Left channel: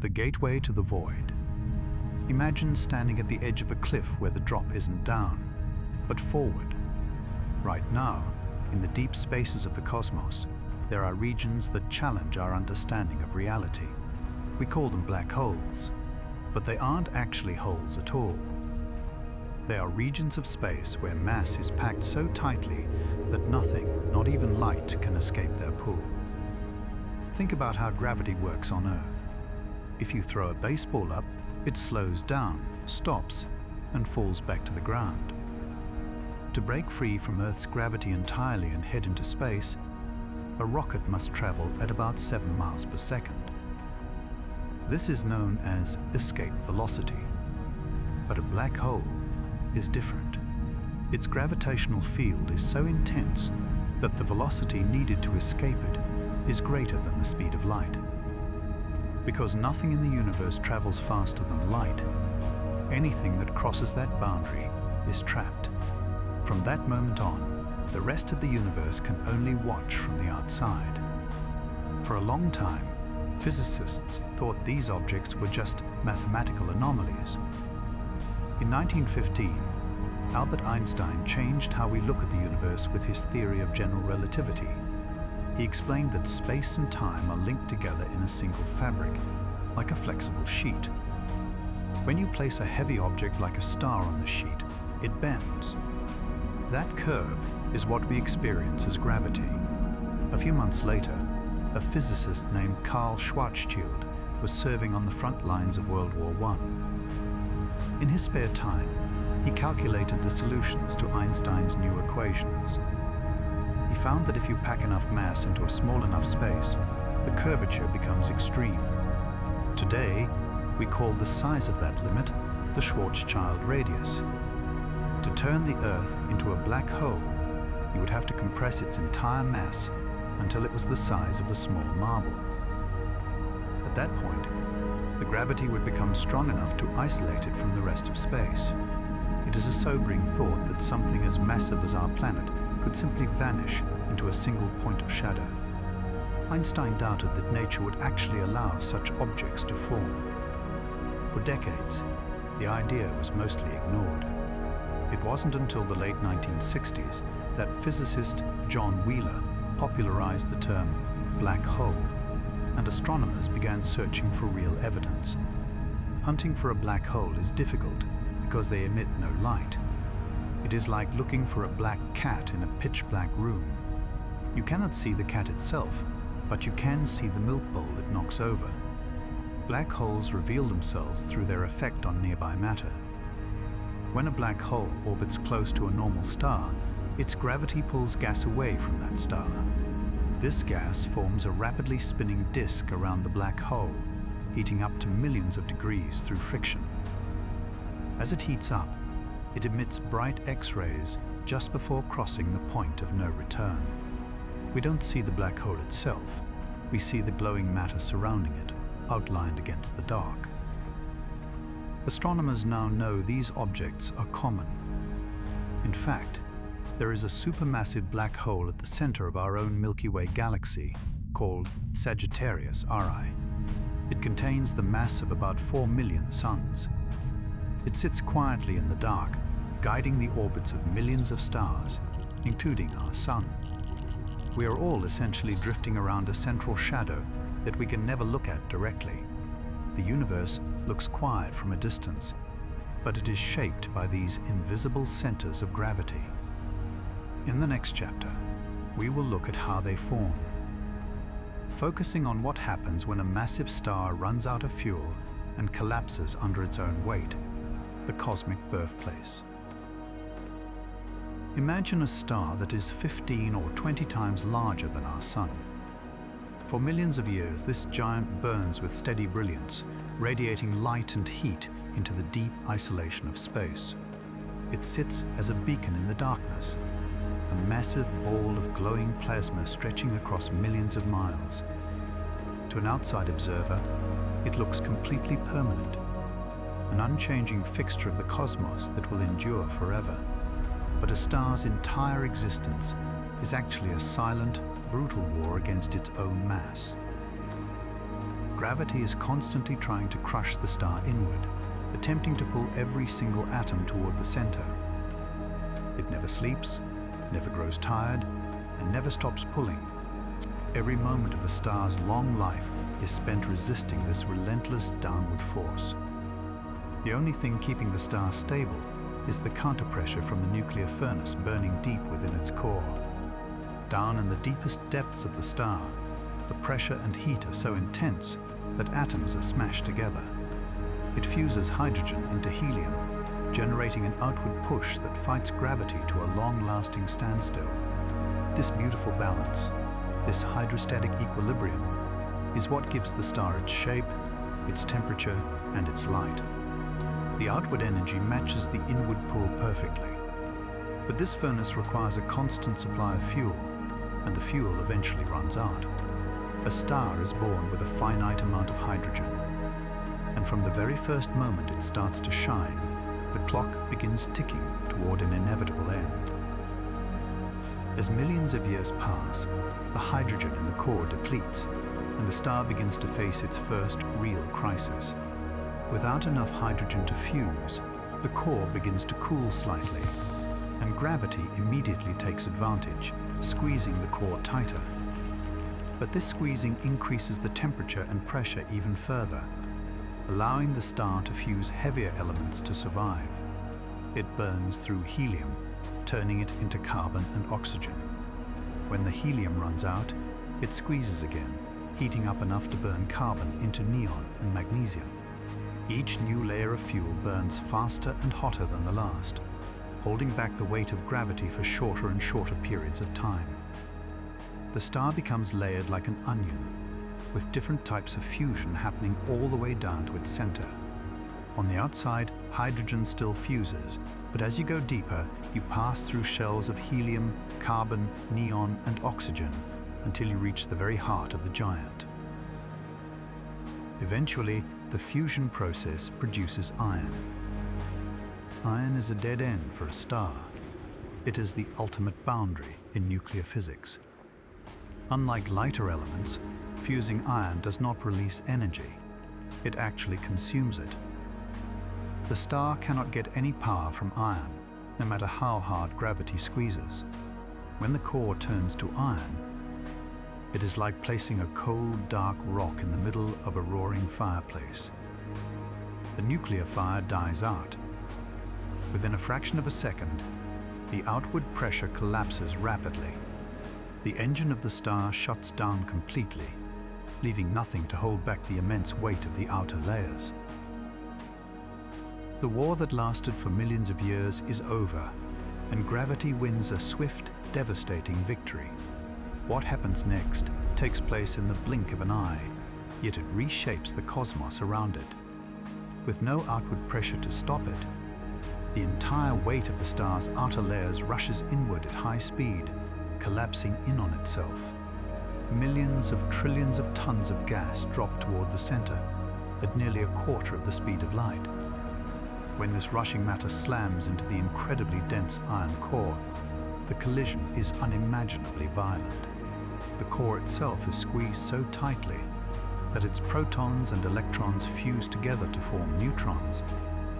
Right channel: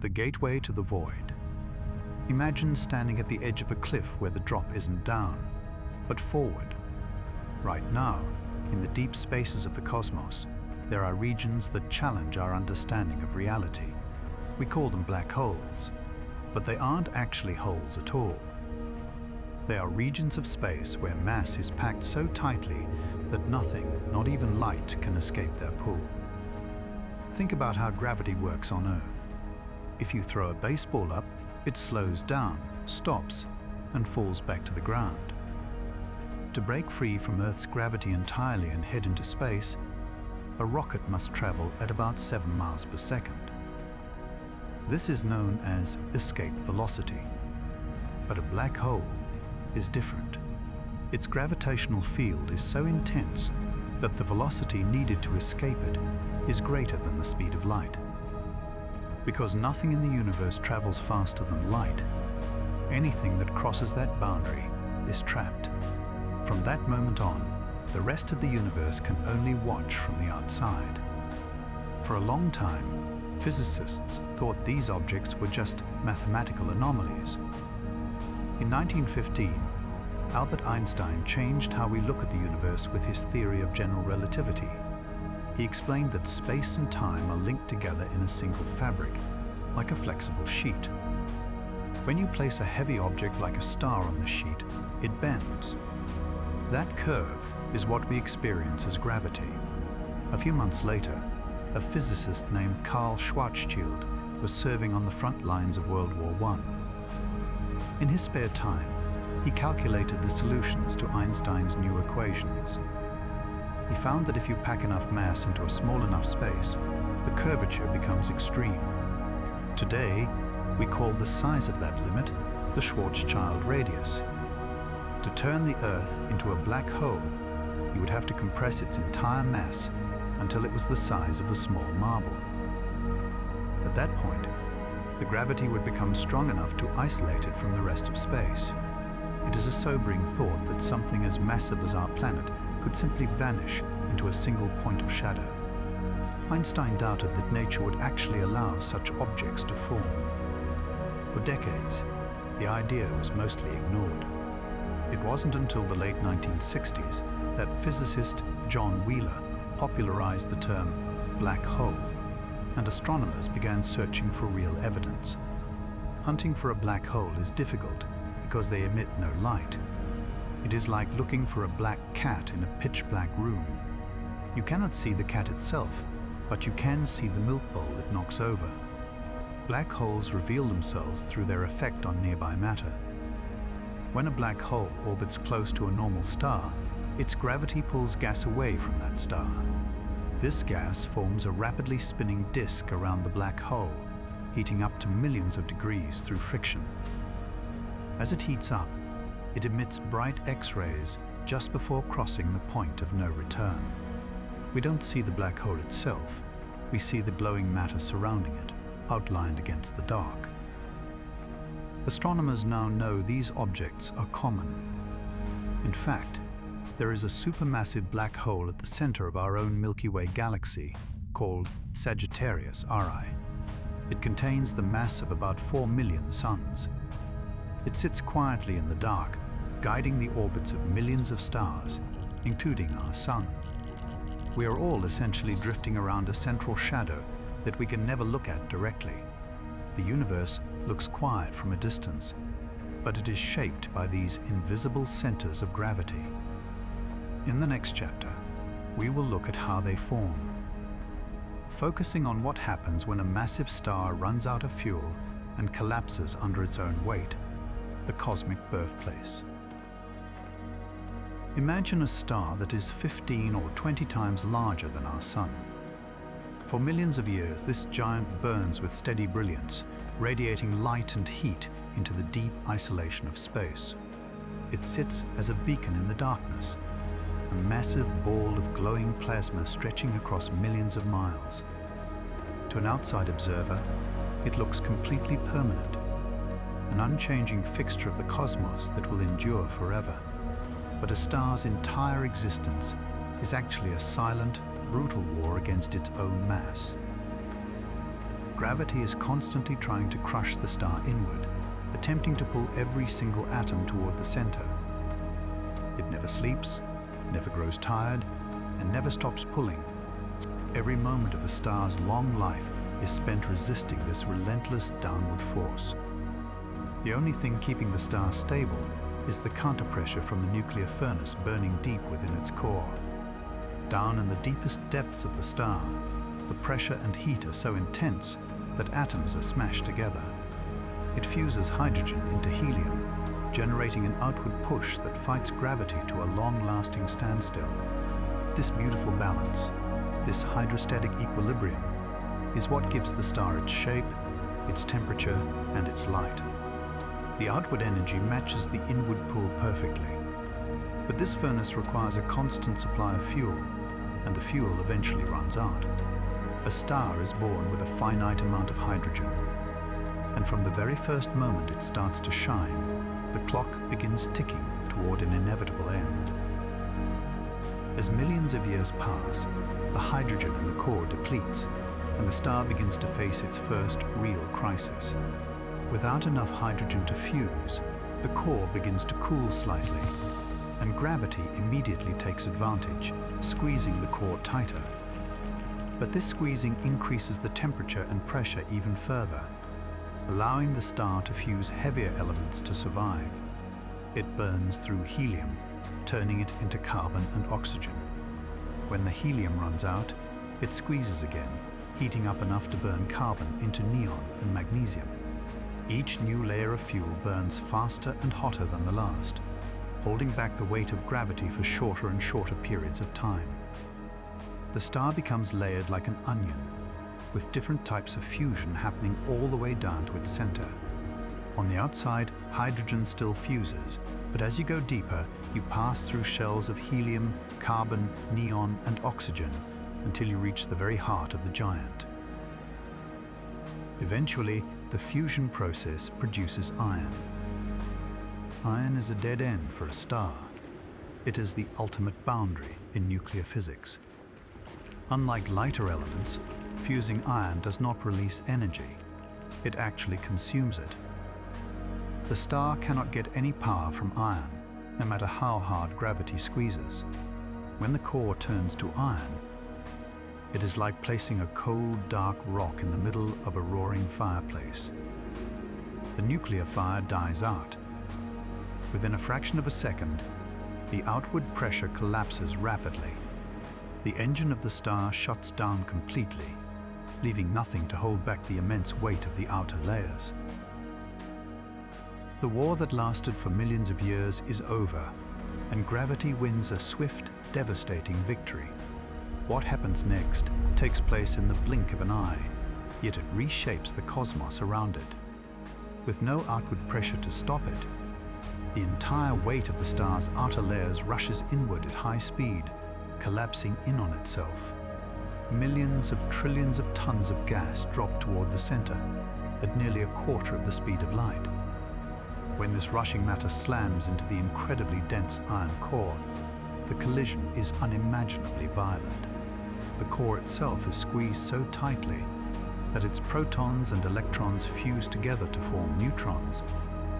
The gateway to the void. Imagine standing at the edge of a cliff where the drop isn't down, but forward. Right now, in the deep spaces of the cosmos, there are regions that challenge our understanding of reality. We call them black holes, but they aren't actually holes at all. They are regions of space where mass is packed so tightly that nothing, not even light, can escape their pull. Think about how gravity works on Earth. If you throw a baseball up, it slows down, stops, and falls back to the ground. To break free from Earth's gravity entirely and head into space, a rocket must travel at about 7 miles per second. This is known as escape velocity. But a black hole is different. Its gravitational field is so intense that the velocity needed to escape it is greater than the speed of light. Because nothing in the universe travels faster than light, anything that crosses that boundary is trapped. From that moment on, the rest of the universe can only watch from the outside. For a long time, physicists thought these objects were just mathematical anomalies. In 1915, Albert Einstein changed how we look at the universe with his theory of general relativity. He explained that space and time are linked together in a single fabric, like a flexible sheet. When you place a heavy object like a star on the sheet, it bends. That curve is what we experience as gravity. A few months later, a physicist named Carl Schwarzschild was serving on the front lines of World War I. In his spare time, he calculated the solutions to Einstein's new equations. He found that if you pack enough mass into a small enough space, the curvature becomes extreme. Today, we call the size of that limit the Schwarzschild radius. To turn the Earth into a black hole, you would have to compress its entire mass until it was the size of a small marble. At that point, the gravity would become strong enough to isolate it from the rest of space. It is a sobering thought that something as massive as our planet could simply vanish into a single point of shadow. Einstein doubted that nature would actually allow such objects to form. For decades, the idea was mostly ignored. It wasn't until the late 1960s that physicist John Wheeler popularized the term black hole, and astronomers began searching for real evidence. Hunting for a black hole is difficult because they emit no light. It is like looking for a black cat in a pitch-black room. You cannot see the cat itself, but you can see the milk bowl it knocks over. Black holes reveal themselves through their effect on nearby matter. When a black hole orbits close to a normal star, its gravity pulls gas away from that star. This gas forms a rapidly spinning disk around the black hole, heating up to millions of degrees through friction. As it heats up, it emits bright X-rays just before crossing the point of no return. We don't see the black hole itself, we see the glowing matter surrounding it, outlined against the dark. Astronomers now know these objects are common. In fact, there is a supermassive black hole at the center of our own Milky Way galaxy, called Sagittarius RI. It contains the mass of about 4 million suns. It sits quietly in the dark, guiding the orbits of millions of stars, including our Sun. We are all essentially drifting around a central shadow that we can never look at directly. The universe looks quiet from a distance, but it is shaped by these invisible centers of gravity. In the next chapter, we will look at how they form, focusing on what happens when a massive star runs out of fuel and collapses under its own weight, the cosmic birthplace. Imagine a star that is 15 or 20 times larger than our Sun. For millions of years, this giant burns with steady brilliance, radiating light and heat into the deep isolation of space. It sits as a beacon in the darkness, a massive ball of glowing plasma stretching across millions of miles. To an outside observer, it looks completely permanent, an unchanging fixture of the cosmos that will endure forever. But a star's entire existence is actually a silent, brutal war against its own mass. Gravity is constantly trying to crush the star inward, attempting to pull every single atom toward the center. It never sleeps, never grows tired, and never stops pulling. Every moment of the star's long life is spent resisting this relentless downward force. The only thing keeping the star stable is the counterpressure from the nuclear furnace burning deep within its core. Down in the deepest depths of the star, the pressure and heat are so intense that atoms are smashed together. It fuses hydrogen into helium, generating an outward push that fights gravity to a long-lasting standstill. This beautiful balance, this hydrostatic equilibrium, is what gives the star its shape, its temperature, and its light. The outward energy matches the inward pull perfectly. But this furnace requires a constant supply of fuel, and the fuel eventually runs out. A star is born with a finite amount of hydrogen, and from the very first moment it starts to shine, the clock begins ticking toward an inevitable end. As millions of years pass, the hydrogen in the core depletes, and the star begins to face its first real crisis. Without enough hydrogen to fuse, the core begins to cool slightly, and gravity immediately takes advantage, squeezing the core tighter. But this squeezing increases the temperature and pressure even further, allowing the star to fuse heavier elements to survive. It burns through helium, turning it into carbon and oxygen. When the helium runs out, it squeezes again, heating up enough to burn carbon into neon and magnesium. Each new layer of fuel burns faster and hotter than the last, holding back the weight of gravity for shorter and shorter periods of time. The star becomes layered like an onion, with different types of fusion happening all the way down to its center. On the outside, hydrogen still fuses, but as you go deeper, you pass through shells of helium, carbon, neon, and oxygen until you reach the very heart of the giant. Eventually, the fusion process produces iron. Iron is a dead end for a star. It is the ultimate boundary in nuclear physics. Unlike lighter elements, fusing iron does not release energy. It actually consumes it. The star cannot get any power from iron, no matter how hard gravity squeezes. When the core turns to iron, it is like placing a cold, dark rock in the middle of a roaring fireplace. The nuclear fire dies out. Within a fraction of a second, the outward pressure collapses rapidly. The engine of the star shuts down completely, leaving nothing to hold back the immense weight of the outer layers. The war that lasted for millions of years is over, and gravity wins a swift, devastating victory. What happens next takes place in the blink of an eye, yet it reshapes the cosmos around it. With no outward pressure to stop it, the entire weight of the star's outer layers rushes inward at high speed, collapsing in on itself. Millions of trillions of tons of gas drop toward the center, at nearly a quarter of the speed of light. When this rushing matter slams into the incredibly dense iron core, the collision is unimaginably violent. The core itself is squeezed so tightly that its protons and electrons fuse together to form neutrons,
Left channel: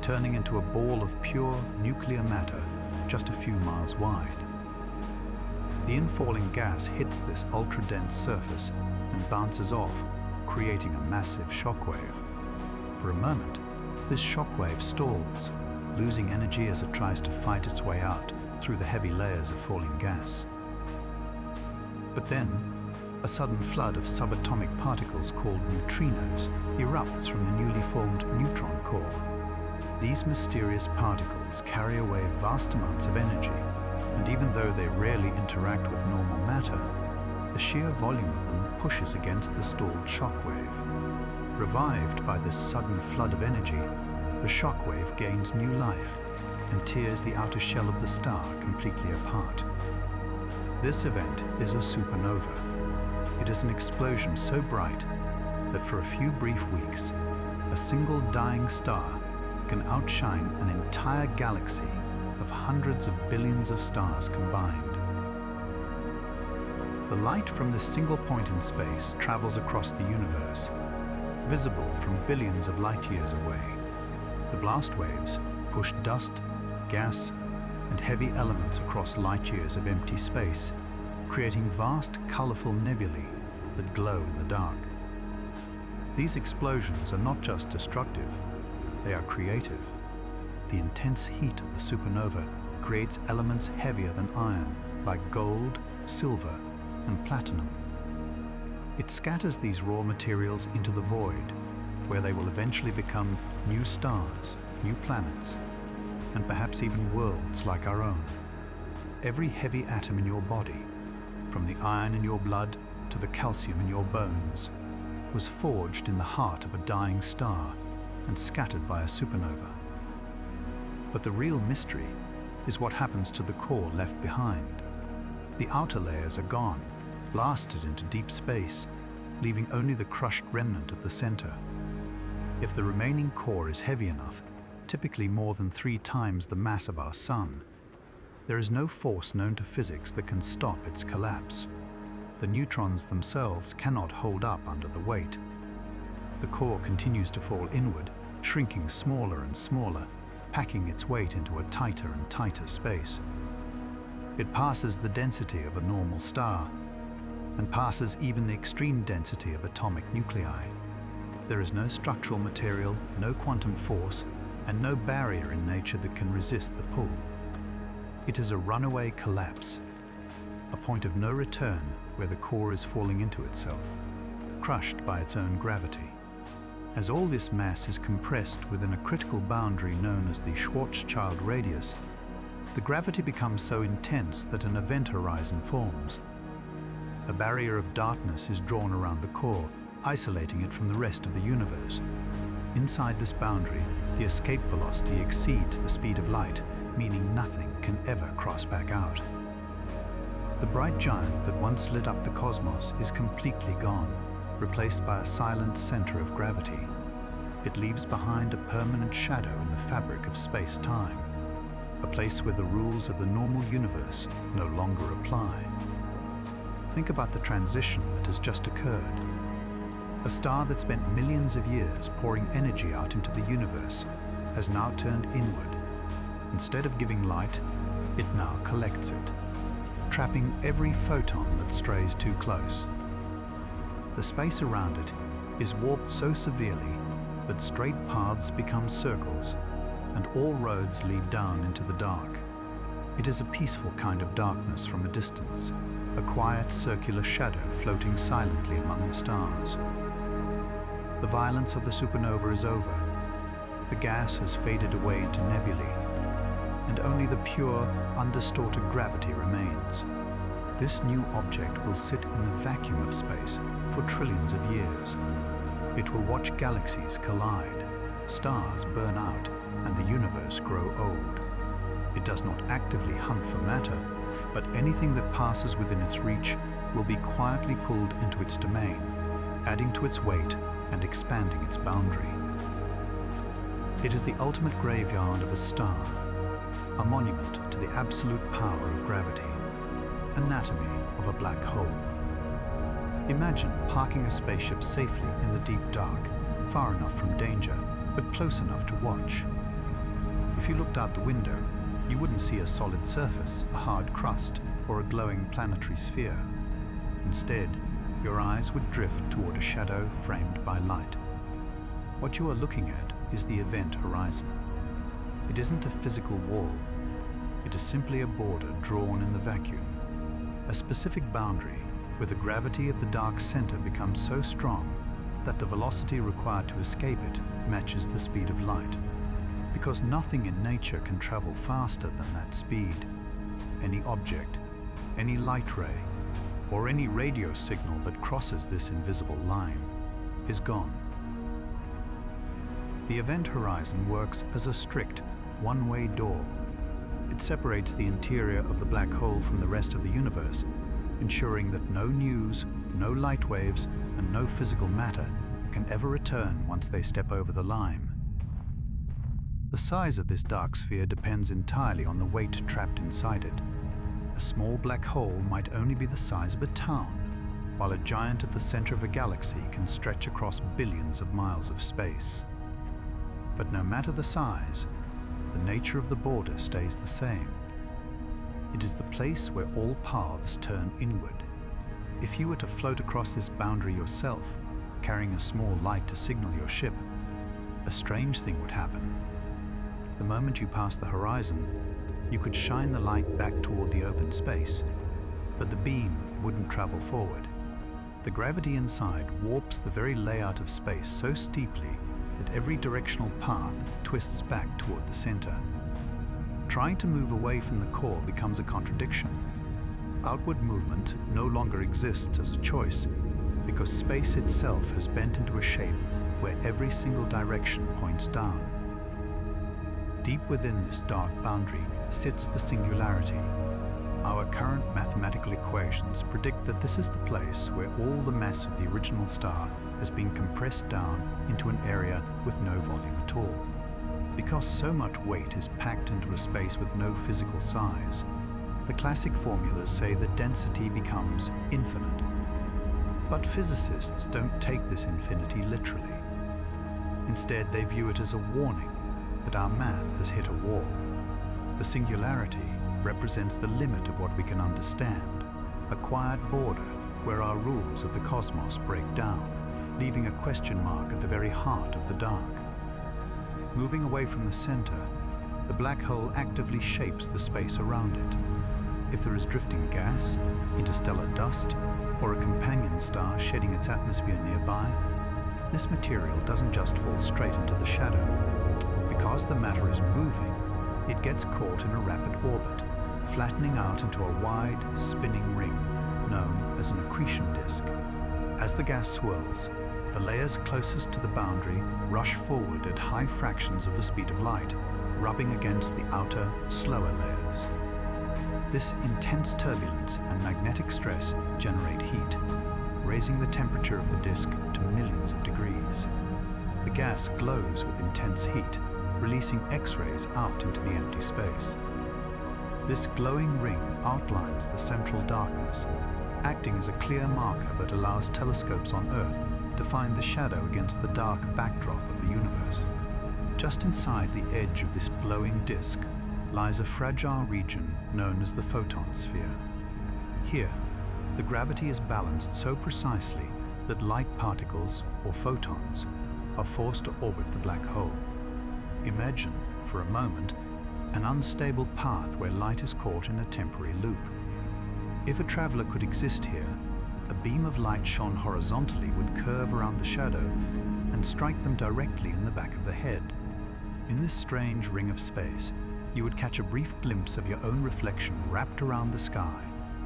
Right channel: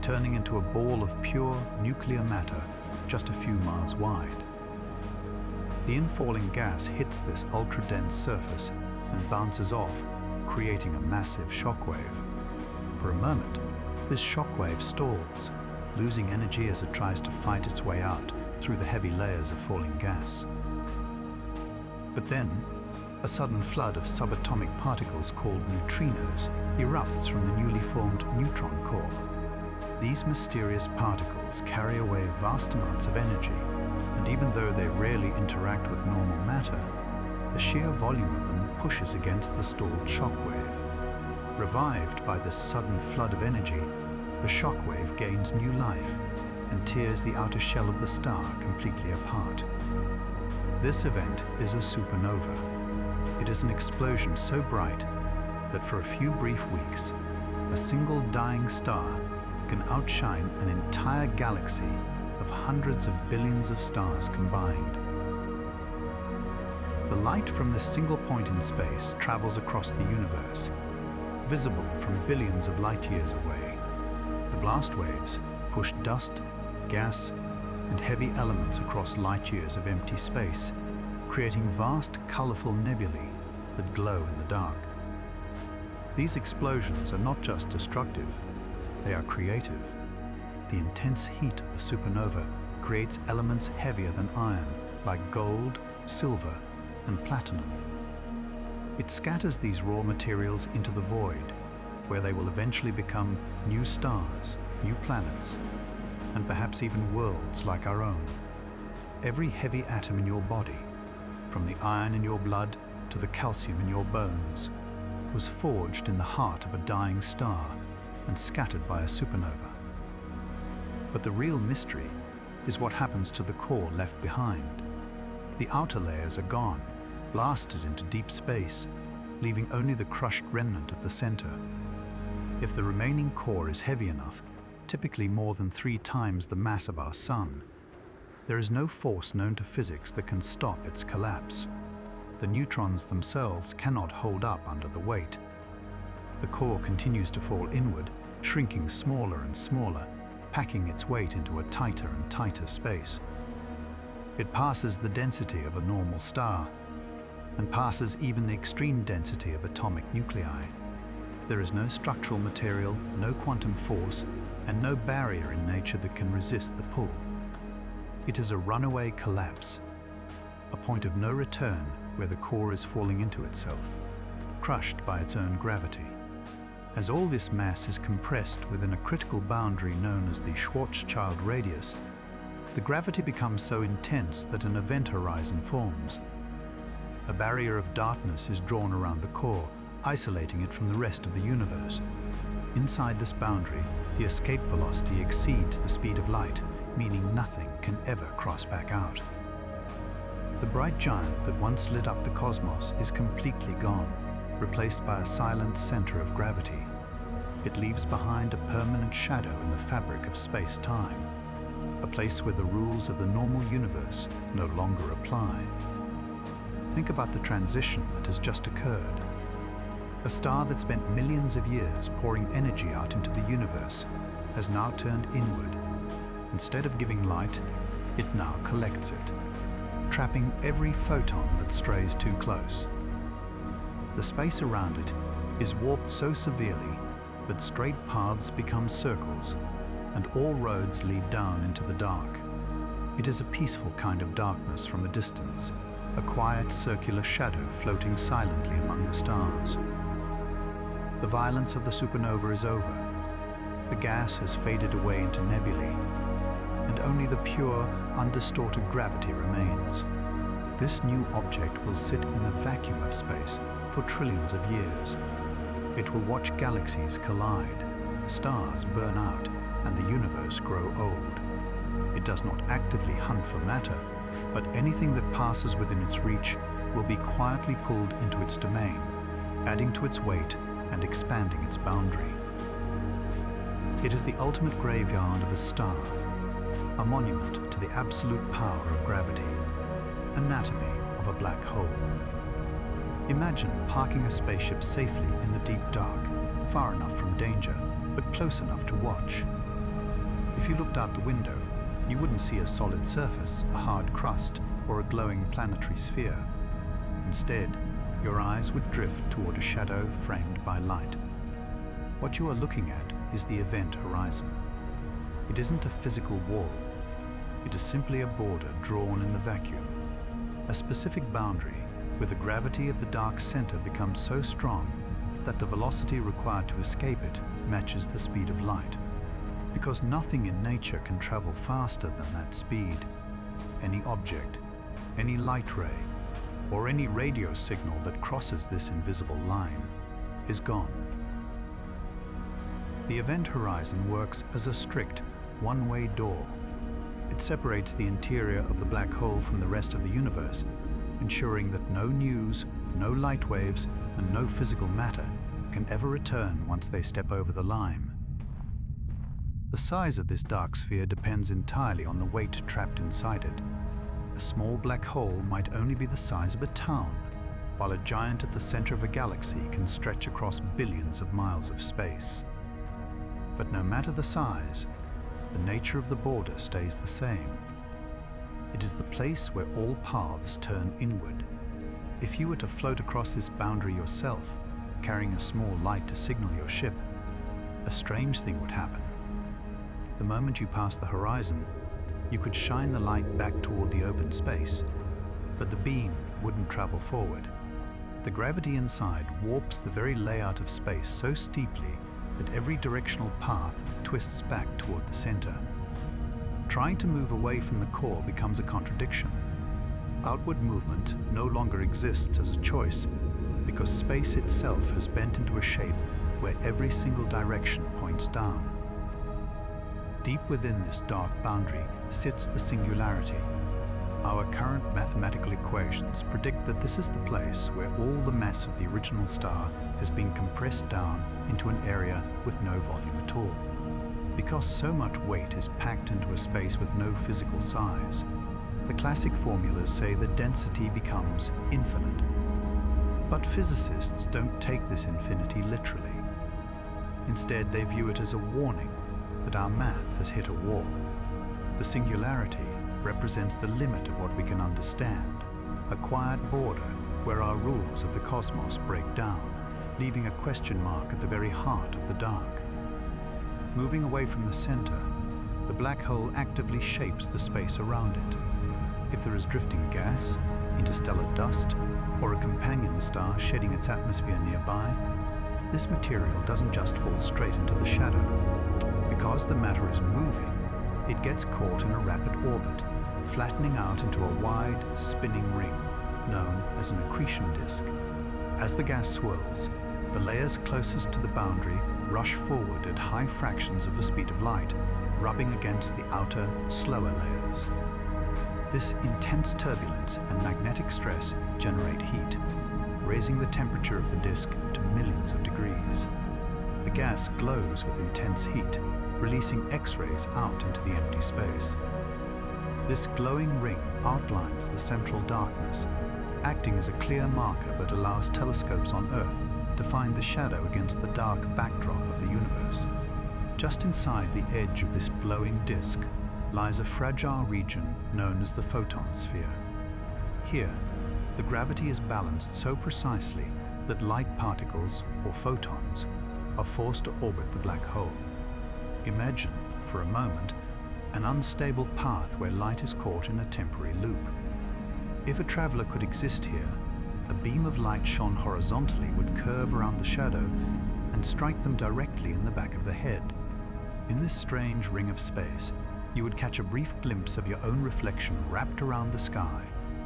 turning into a ball of pure nuclear matter just a few miles wide. The infalling gas hits this ultra-dense surface and bounces off, creating a massive shockwave. For a moment, this shockwave stalls, losing energy as it tries to fight its way out through the heavy layers of falling gas. But then, a sudden flood of subatomic particles called neutrinos erupts from the newly formed neutron core. These mysterious particles carry away vast amounts of energy, and even though they rarely interact with normal matter, the sheer volume of them pushes against the stalled shockwave. Revived by this sudden flood of energy, the shockwave gains new life and tears the outer shell of the star completely apart. This event is a supernova. It is an explosion so bright that for a few brief weeks, a single dying star can outshine an entire galaxy of hundreds of billions of stars combined. The light from this single point in space travels across the universe, visible from billions of light years away. The blast waves push dust, gas, and heavy elements across light years of empty space, creating vast, colorful nebulae that glow in the dark. These explosions are not just destructive, they are creative. The intense heat of the supernova creates elements heavier than iron, like gold, silver, and platinum. It scatters these raw materials into the void, where they will eventually become new stars, new planets, and perhaps even worlds like our own. Every heavy atom in your body, from the iron in your blood to the calcium in your bones, was forged in the heart of a dying star and scattered by a supernova. But the real mystery is what happens to the core left behind. The outer layers are gone, blasted into deep space, leaving only the crushed remnant at the center. If the remaining core is heavy enough, typically more than 3 times the mass of our Sun, there is no force known to physics that can stop its collapse. The neutrons themselves cannot hold up under the weight. The core continues to fall inward, shrinking smaller and smaller, packing its weight into a tighter and tighter space. It passes the density of a normal star, and passes even the extreme density of atomic nuclei. There is no structural material, no quantum force, and no barrier in nature that can resist the pull. It is a runaway collapse, a point of no return where the core is falling into itself, crushed by its own gravity. As all this mass is compressed within a critical boundary known as the Schwarzschild radius, the gravity becomes so intense that an event horizon forms. A barrier of darkness is drawn around the core, isolating it from the rest of the universe. Inside this boundary, the escape velocity exceeds the speed of light, meaning nothing can ever cross back out. The bright giant that once lit up the cosmos is completely gone, replaced by a silent center of gravity. It leaves behind a permanent shadow in the fabric of space-time, a place where the rules of the normal universe no longer apply. Think about the transition that has just occurred. A star that spent millions of years pouring energy out into the universe has now turned inward. Instead of giving light, it now collects it, trapping every photon that strays too close. The space around it is warped so severely that straight paths become circles, and all roads lead down into the dark. It is a peaceful kind of darkness from a distance, a quiet circular shadow floating silently among the stars. The violence of the supernova is over. The gas has faded away into nebulae, and only the pure, undistorted gravity remains. This new object will sit in the vacuum of space for trillions of years. It will watch galaxies collide, stars burn out, and the universe grow old. It does not actively hunt for matter, but anything that passes within its reach will be quietly pulled into its domain, adding to its weight and expanding its boundary. It is the ultimate graveyard of a star, a monument to the absolute power of gravity, anatomy of a black hole. Imagine parking a spaceship safely in the deep dark, far enough from danger, but close enough to watch. If you looked out the window, you wouldn't see a solid surface, a hard crust, or a glowing planetary sphere. Instead, your eyes would drift toward a shadow framed by light. What you are looking at is the event horizon. It isn't a physical wall. It is simply a border drawn in the vacuum, a specific boundary where the gravity of the dark center becomes so strong that the velocity required to escape it matches the speed of light. Because nothing in nature can travel faster than that speed. Any object, any light ray, or any radio signal that crosses this invisible line is gone. The event horizon works as a strict, one-way door. It separates the interior of the black hole from the rest of the universe, ensuring that no news, no light waves, and no physical matter can ever return once they step over the line. The size of this dark sphere depends entirely on the weight trapped inside it. A small black hole might only be the size of a town, while a giant at the center of a galaxy can stretch across billions of miles of space. But no matter the size, the nature of the border stays the same. It is the place where all paths turn inward. If you were to float across this boundary yourself, carrying a small light to signal your ship, a strange thing would happen. The moment you pass the horizon, you could shine the light back toward the open space, but the beam wouldn't travel forward. The gravity inside warps the very layout of space so steeply that every directional path twists back toward the center. Trying to move away from the core becomes a contradiction. Outward movement no longer exists as a choice because space itself has bent into a shape where every single direction points down. Deep within this dark boundary sits the singularity. Our current mathematical equations predict that this is the place where all the mass of the original star has been compressed down into an area with no volume at all. Because so much weight is packed into a space with no physical size, the classic formulas say that density becomes infinite. But physicists don't take this infinity literally. Instead, they view it as a warning that our math has hit a wall. The singularity represents the limit of what we can understand, a quiet border where our rules of the cosmos break down, leaving a question mark at the very heart of the dark. Moving away from the center, the black hole actively shapes the space around it. If there is drifting gas, interstellar dust, or a companion star shedding its atmosphere nearby, this material doesn't just fall straight into the shadow. Because the matter is moving, it gets caught in a rapid orbit, flattening out into a wide, spinning ring known as an accretion disk. As the gas swirls, the layers closest to the boundary rush forward at high fractions of the speed of light, rubbing against the outer, slower layers. This intense turbulence and magnetic stress generate heat, raising the temperature of the disk to millions of degrees. The gas glows with intense heat, releasing X-rays out into the empty space. This glowing ring outlines the central darkness, acting as a clear marker that allows telescopes on Earth to find the shadow against the dark backdrop of the universe. Just inside the edge of this glowing disk lies a fragile region known as the photon sphere. Here, the gravity is balanced so precisely that light particles, or photons, are forced to orbit the black hole. Imagine, for a moment, an unstable path where light is caught in a temporary loop. If a traveler could exist here, a beam of light shone horizontally would curve around the shadow and strike them directly in the back of the head. In this strange ring of space, you would catch a brief glimpse of your own reflection wrapped around the sky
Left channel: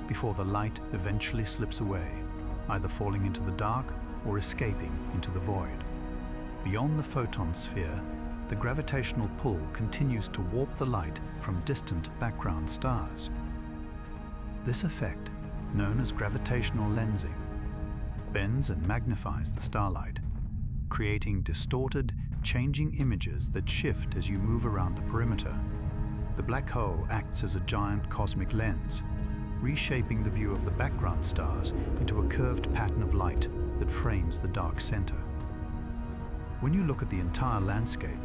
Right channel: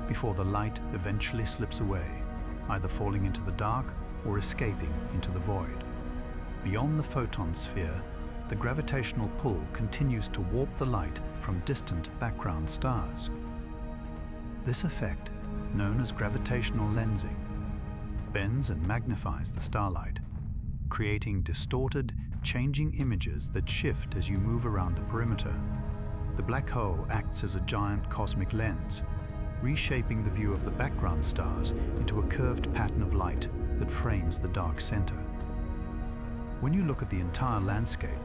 before the light eventually slips away, either falling into the dark or escaping into the void. Beyond the photon sphere, the gravitational pull continues to warp the light from distant background stars. This effect, known as gravitational lensing, bends and magnifies the starlight, creating distorted, changing images that shift as you move around the perimeter. The black hole acts as a giant cosmic lens, reshaping the view of the background stars into a curved pattern of light that frames the dark center. When you look at the entire landscape,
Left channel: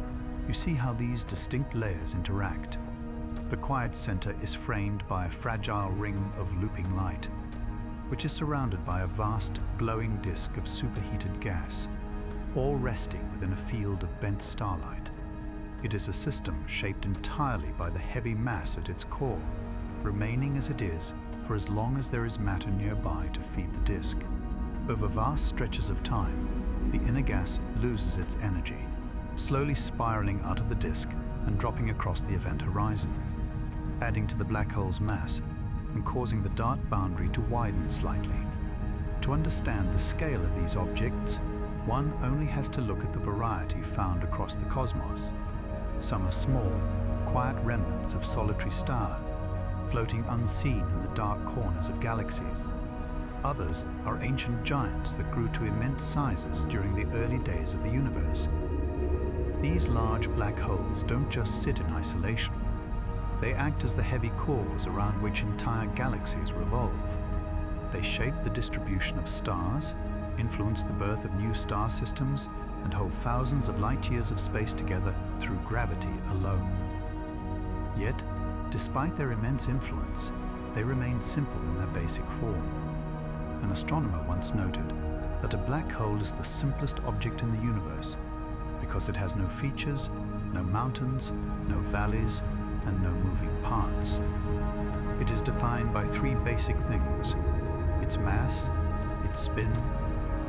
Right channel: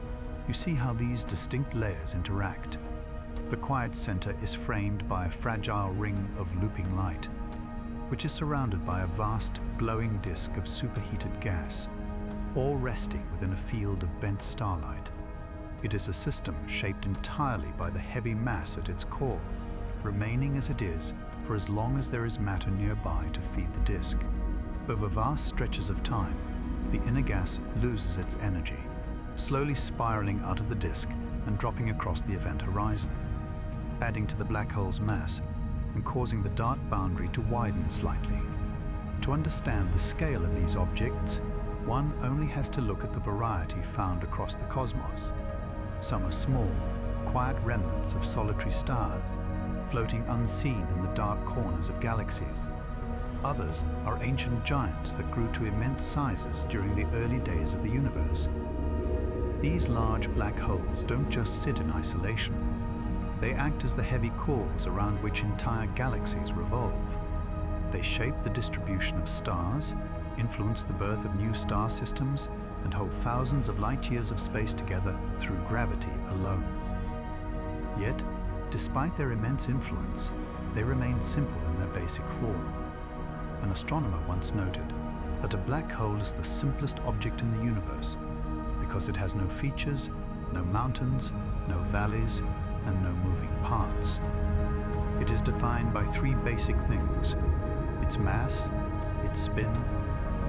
you see how these distinct layers interact. The quiet center is framed by a fragile ring of looping light, which is surrounded by a vast, glowing disk of superheated gas, all resting within a field of bent starlight. It is a system shaped entirely by the heavy mass at its core, remaining as it is for as long as there is matter nearby to feed the disk. Over vast stretches of time, the inner gas loses its energy, slowly spiraling out of the disk and dropping across the event horizon, adding to the black hole's mass and causing the dark boundary to widen slightly. To understand the scale of these objects, one only has to look at the variety found across the cosmos. Some are small, quiet remnants of solitary stars, floating unseen in the dark corners of galaxies. Others are ancient giants that grew to immense sizes during the early days of the universe. These large black holes don't just sit in isolation. They act as the heavy cores around which entire galaxies revolve. They shape the distribution of stars, influence the birth of new star systems, and hold thousands of light years of space together through gravity alone. Yet, despite their immense influence, they remain simple in their basic form. An astronomer once noted that a black hole is the simplest object in the universe because it has no features, no mountains, no valleys, and no moving parts. It is defined by three basic things: its mass, its spin,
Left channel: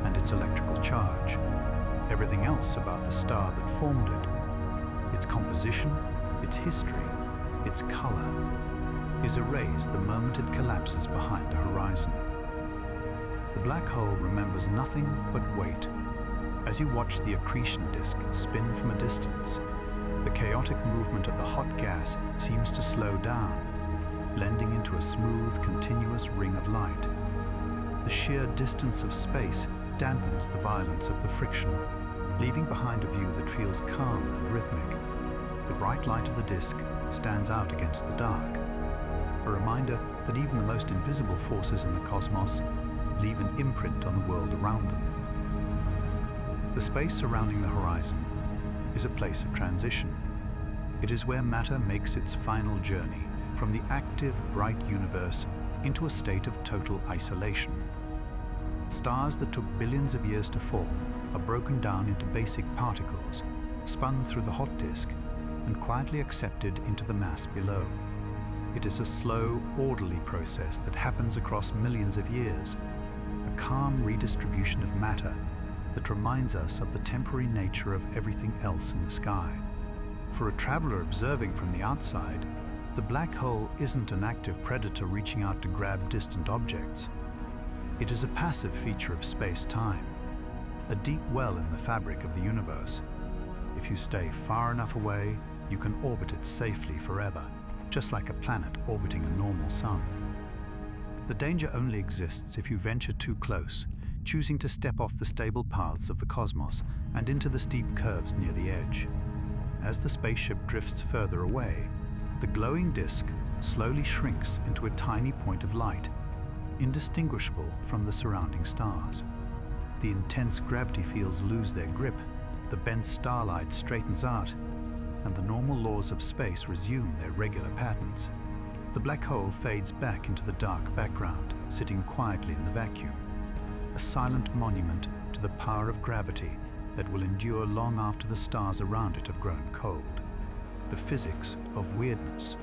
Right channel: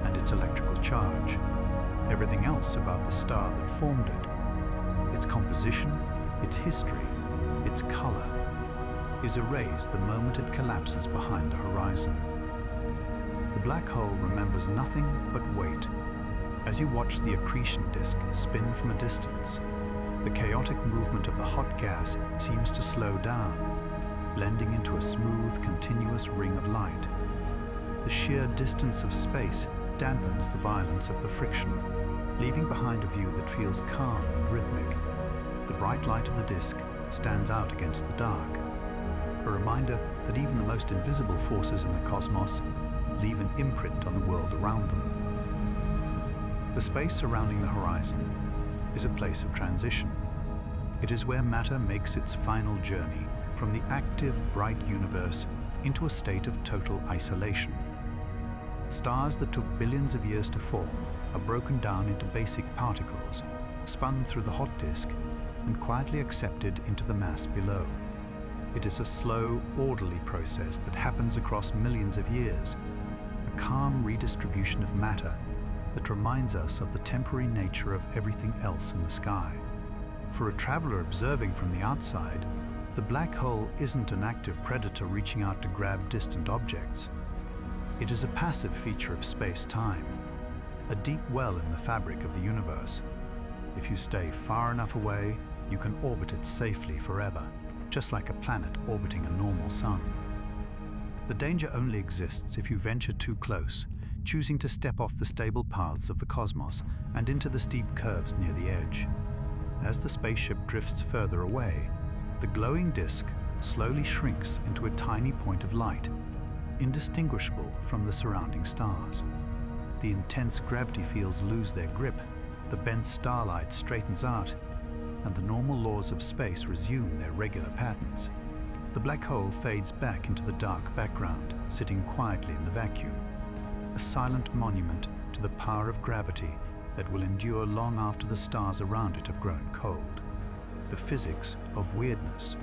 and its electrical charge. Everything else about the star that formed it, its composition, its history, its color, is erased the moment it collapses behind the horizon. The black hole remembers nothing but weight. As you watch the accretion disk spin from a distance, the chaotic movement of the hot gas seems to slow down, blending into a smooth, continuous ring of light. The sheer distance of space dampens the violence of the friction, leaving behind a view that feels calm and rhythmic. The bright light of the disk stands out against the dark, a reminder that even the most invisible forces in the cosmos leave an imprint on the world around them. The space surrounding the horizon is a place of transition. It is where matter makes its final journey from the active, bright universe into a state of total isolation. Stars that took billions of years to form are broken down into basic particles, spun through the hot disk, and quietly accepted into the mass below. It is a slow, orderly process that happens across millions of years, a calm redistribution of matter that reminds us of the temporary nature of everything else in the sky. For a traveler observing from the outside, the black hole isn't an active predator reaching out to grab distant objects. It is a passive feature of space-time, a deep well in the fabric of the universe. If you stay far enough away, you can orbit it safely forever, just like a planet orbiting a normal sun. The danger only exists if you venture too close, choosing to step off the stable paths of the cosmos and into the steep curves near the edge. As the spaceship drifts further away, the glowing disk slowly shrinks into a tiny point of light, indistinguishable from the surrounding stars. The intense gravity fields lose their grip, the bent starlight straightens out, and the normal laws of space resume their regular patterns. The black hole fades back into the dark background, sitting quietly in the vacuum, a silent monument to the power of gravity that will endure long after the stars around it have grown cold. The physics of weirdness.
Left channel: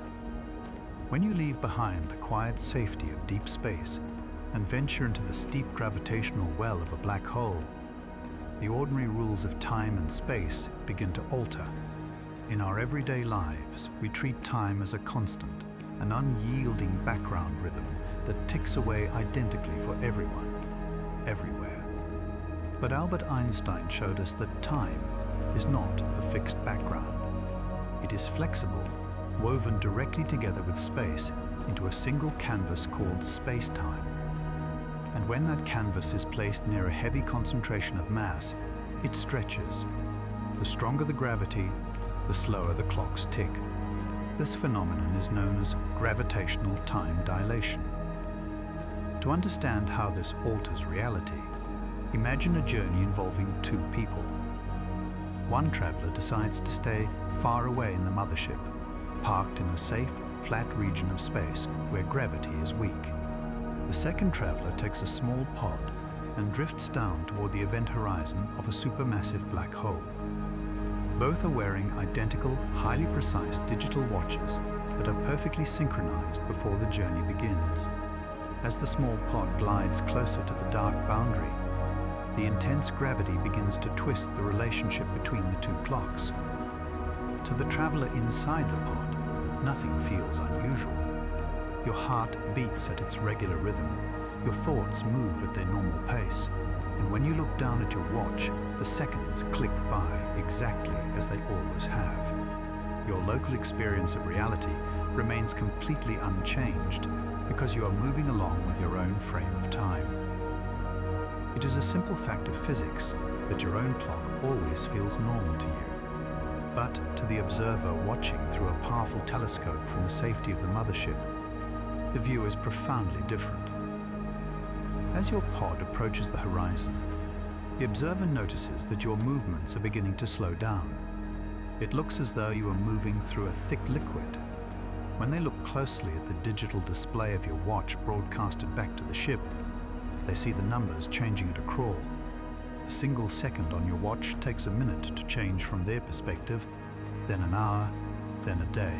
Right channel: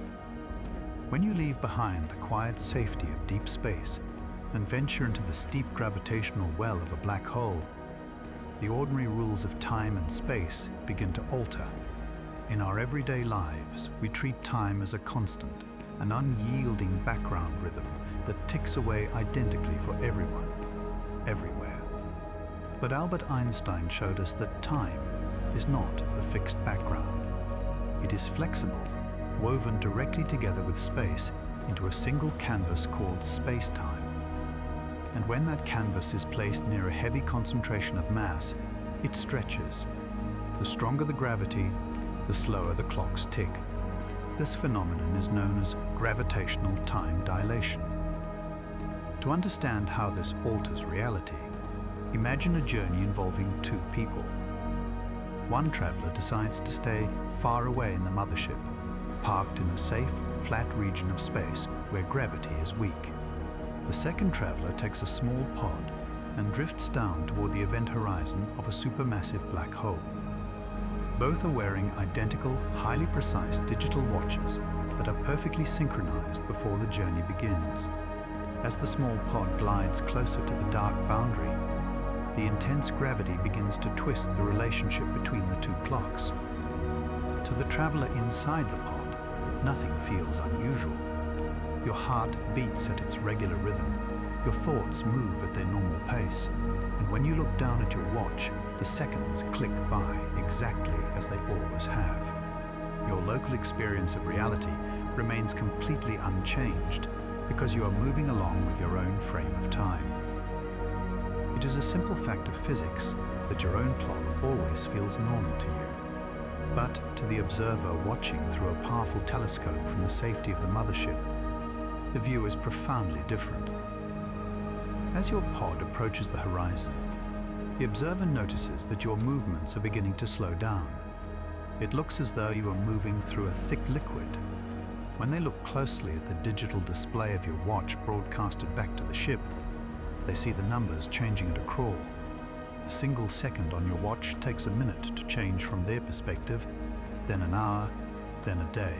When you leave behind the quiet safety of deep space and venture into the steep gravitational well of a black hole, the ordinary rules of time and space begin to alter. In our everyday lives, we treat time as a constant, an unyielding background rhythm that ticks away identically for everyone, everywhere. But Albert Einstein showed us that time is not a fixed background. It is flexible, woven directly together with space into a single canvas called space-time. And when that canvas is placed near a heavy concentration of mass, it stretches. The stronger the gravity, the slower the clocks tick. This phenomenon is known as gravitational time dilation. To understand how this alters reality, imagine a journey involving two people. One traveler decides to stay far away in the mothership, parked in a safe, flat region of space where gravity is weak. The second traveler takes a small pod and drifts down toward the event horizon of a supermassive black hole. Both are wearing identical, highly precise digital watches that are perfectly synchronized before the journey begins. As the small pod glides closer to the dark boundary, the intense gravity begins to twist the relationship between the two clocks. To the traveler inside the pod, nothing feels unusual. Your heart beats at its regular rhythm, your thoughts move at their normal pace, and when you look down at your watch, the seconds click by exactly as they always have. Your local experience of reality remains completely unchanged because you are moving along with your own frame of time. It is a simple fact of physics that your own clock always feels normal to you. But to the observer watching through a powerful telescope from the safety of the mothership, the view is profoundly different. As your pod approaches the horizon, the observer notices that your movements are beginning to slow down. It looks as though you are moving through a thick liquid. When they look closely at the digital display of your watch broadcasted back to the ship, they see the numbers changing at a crawl. A single second on your watch takes a minute to change from their perspective, then an hour, then a day.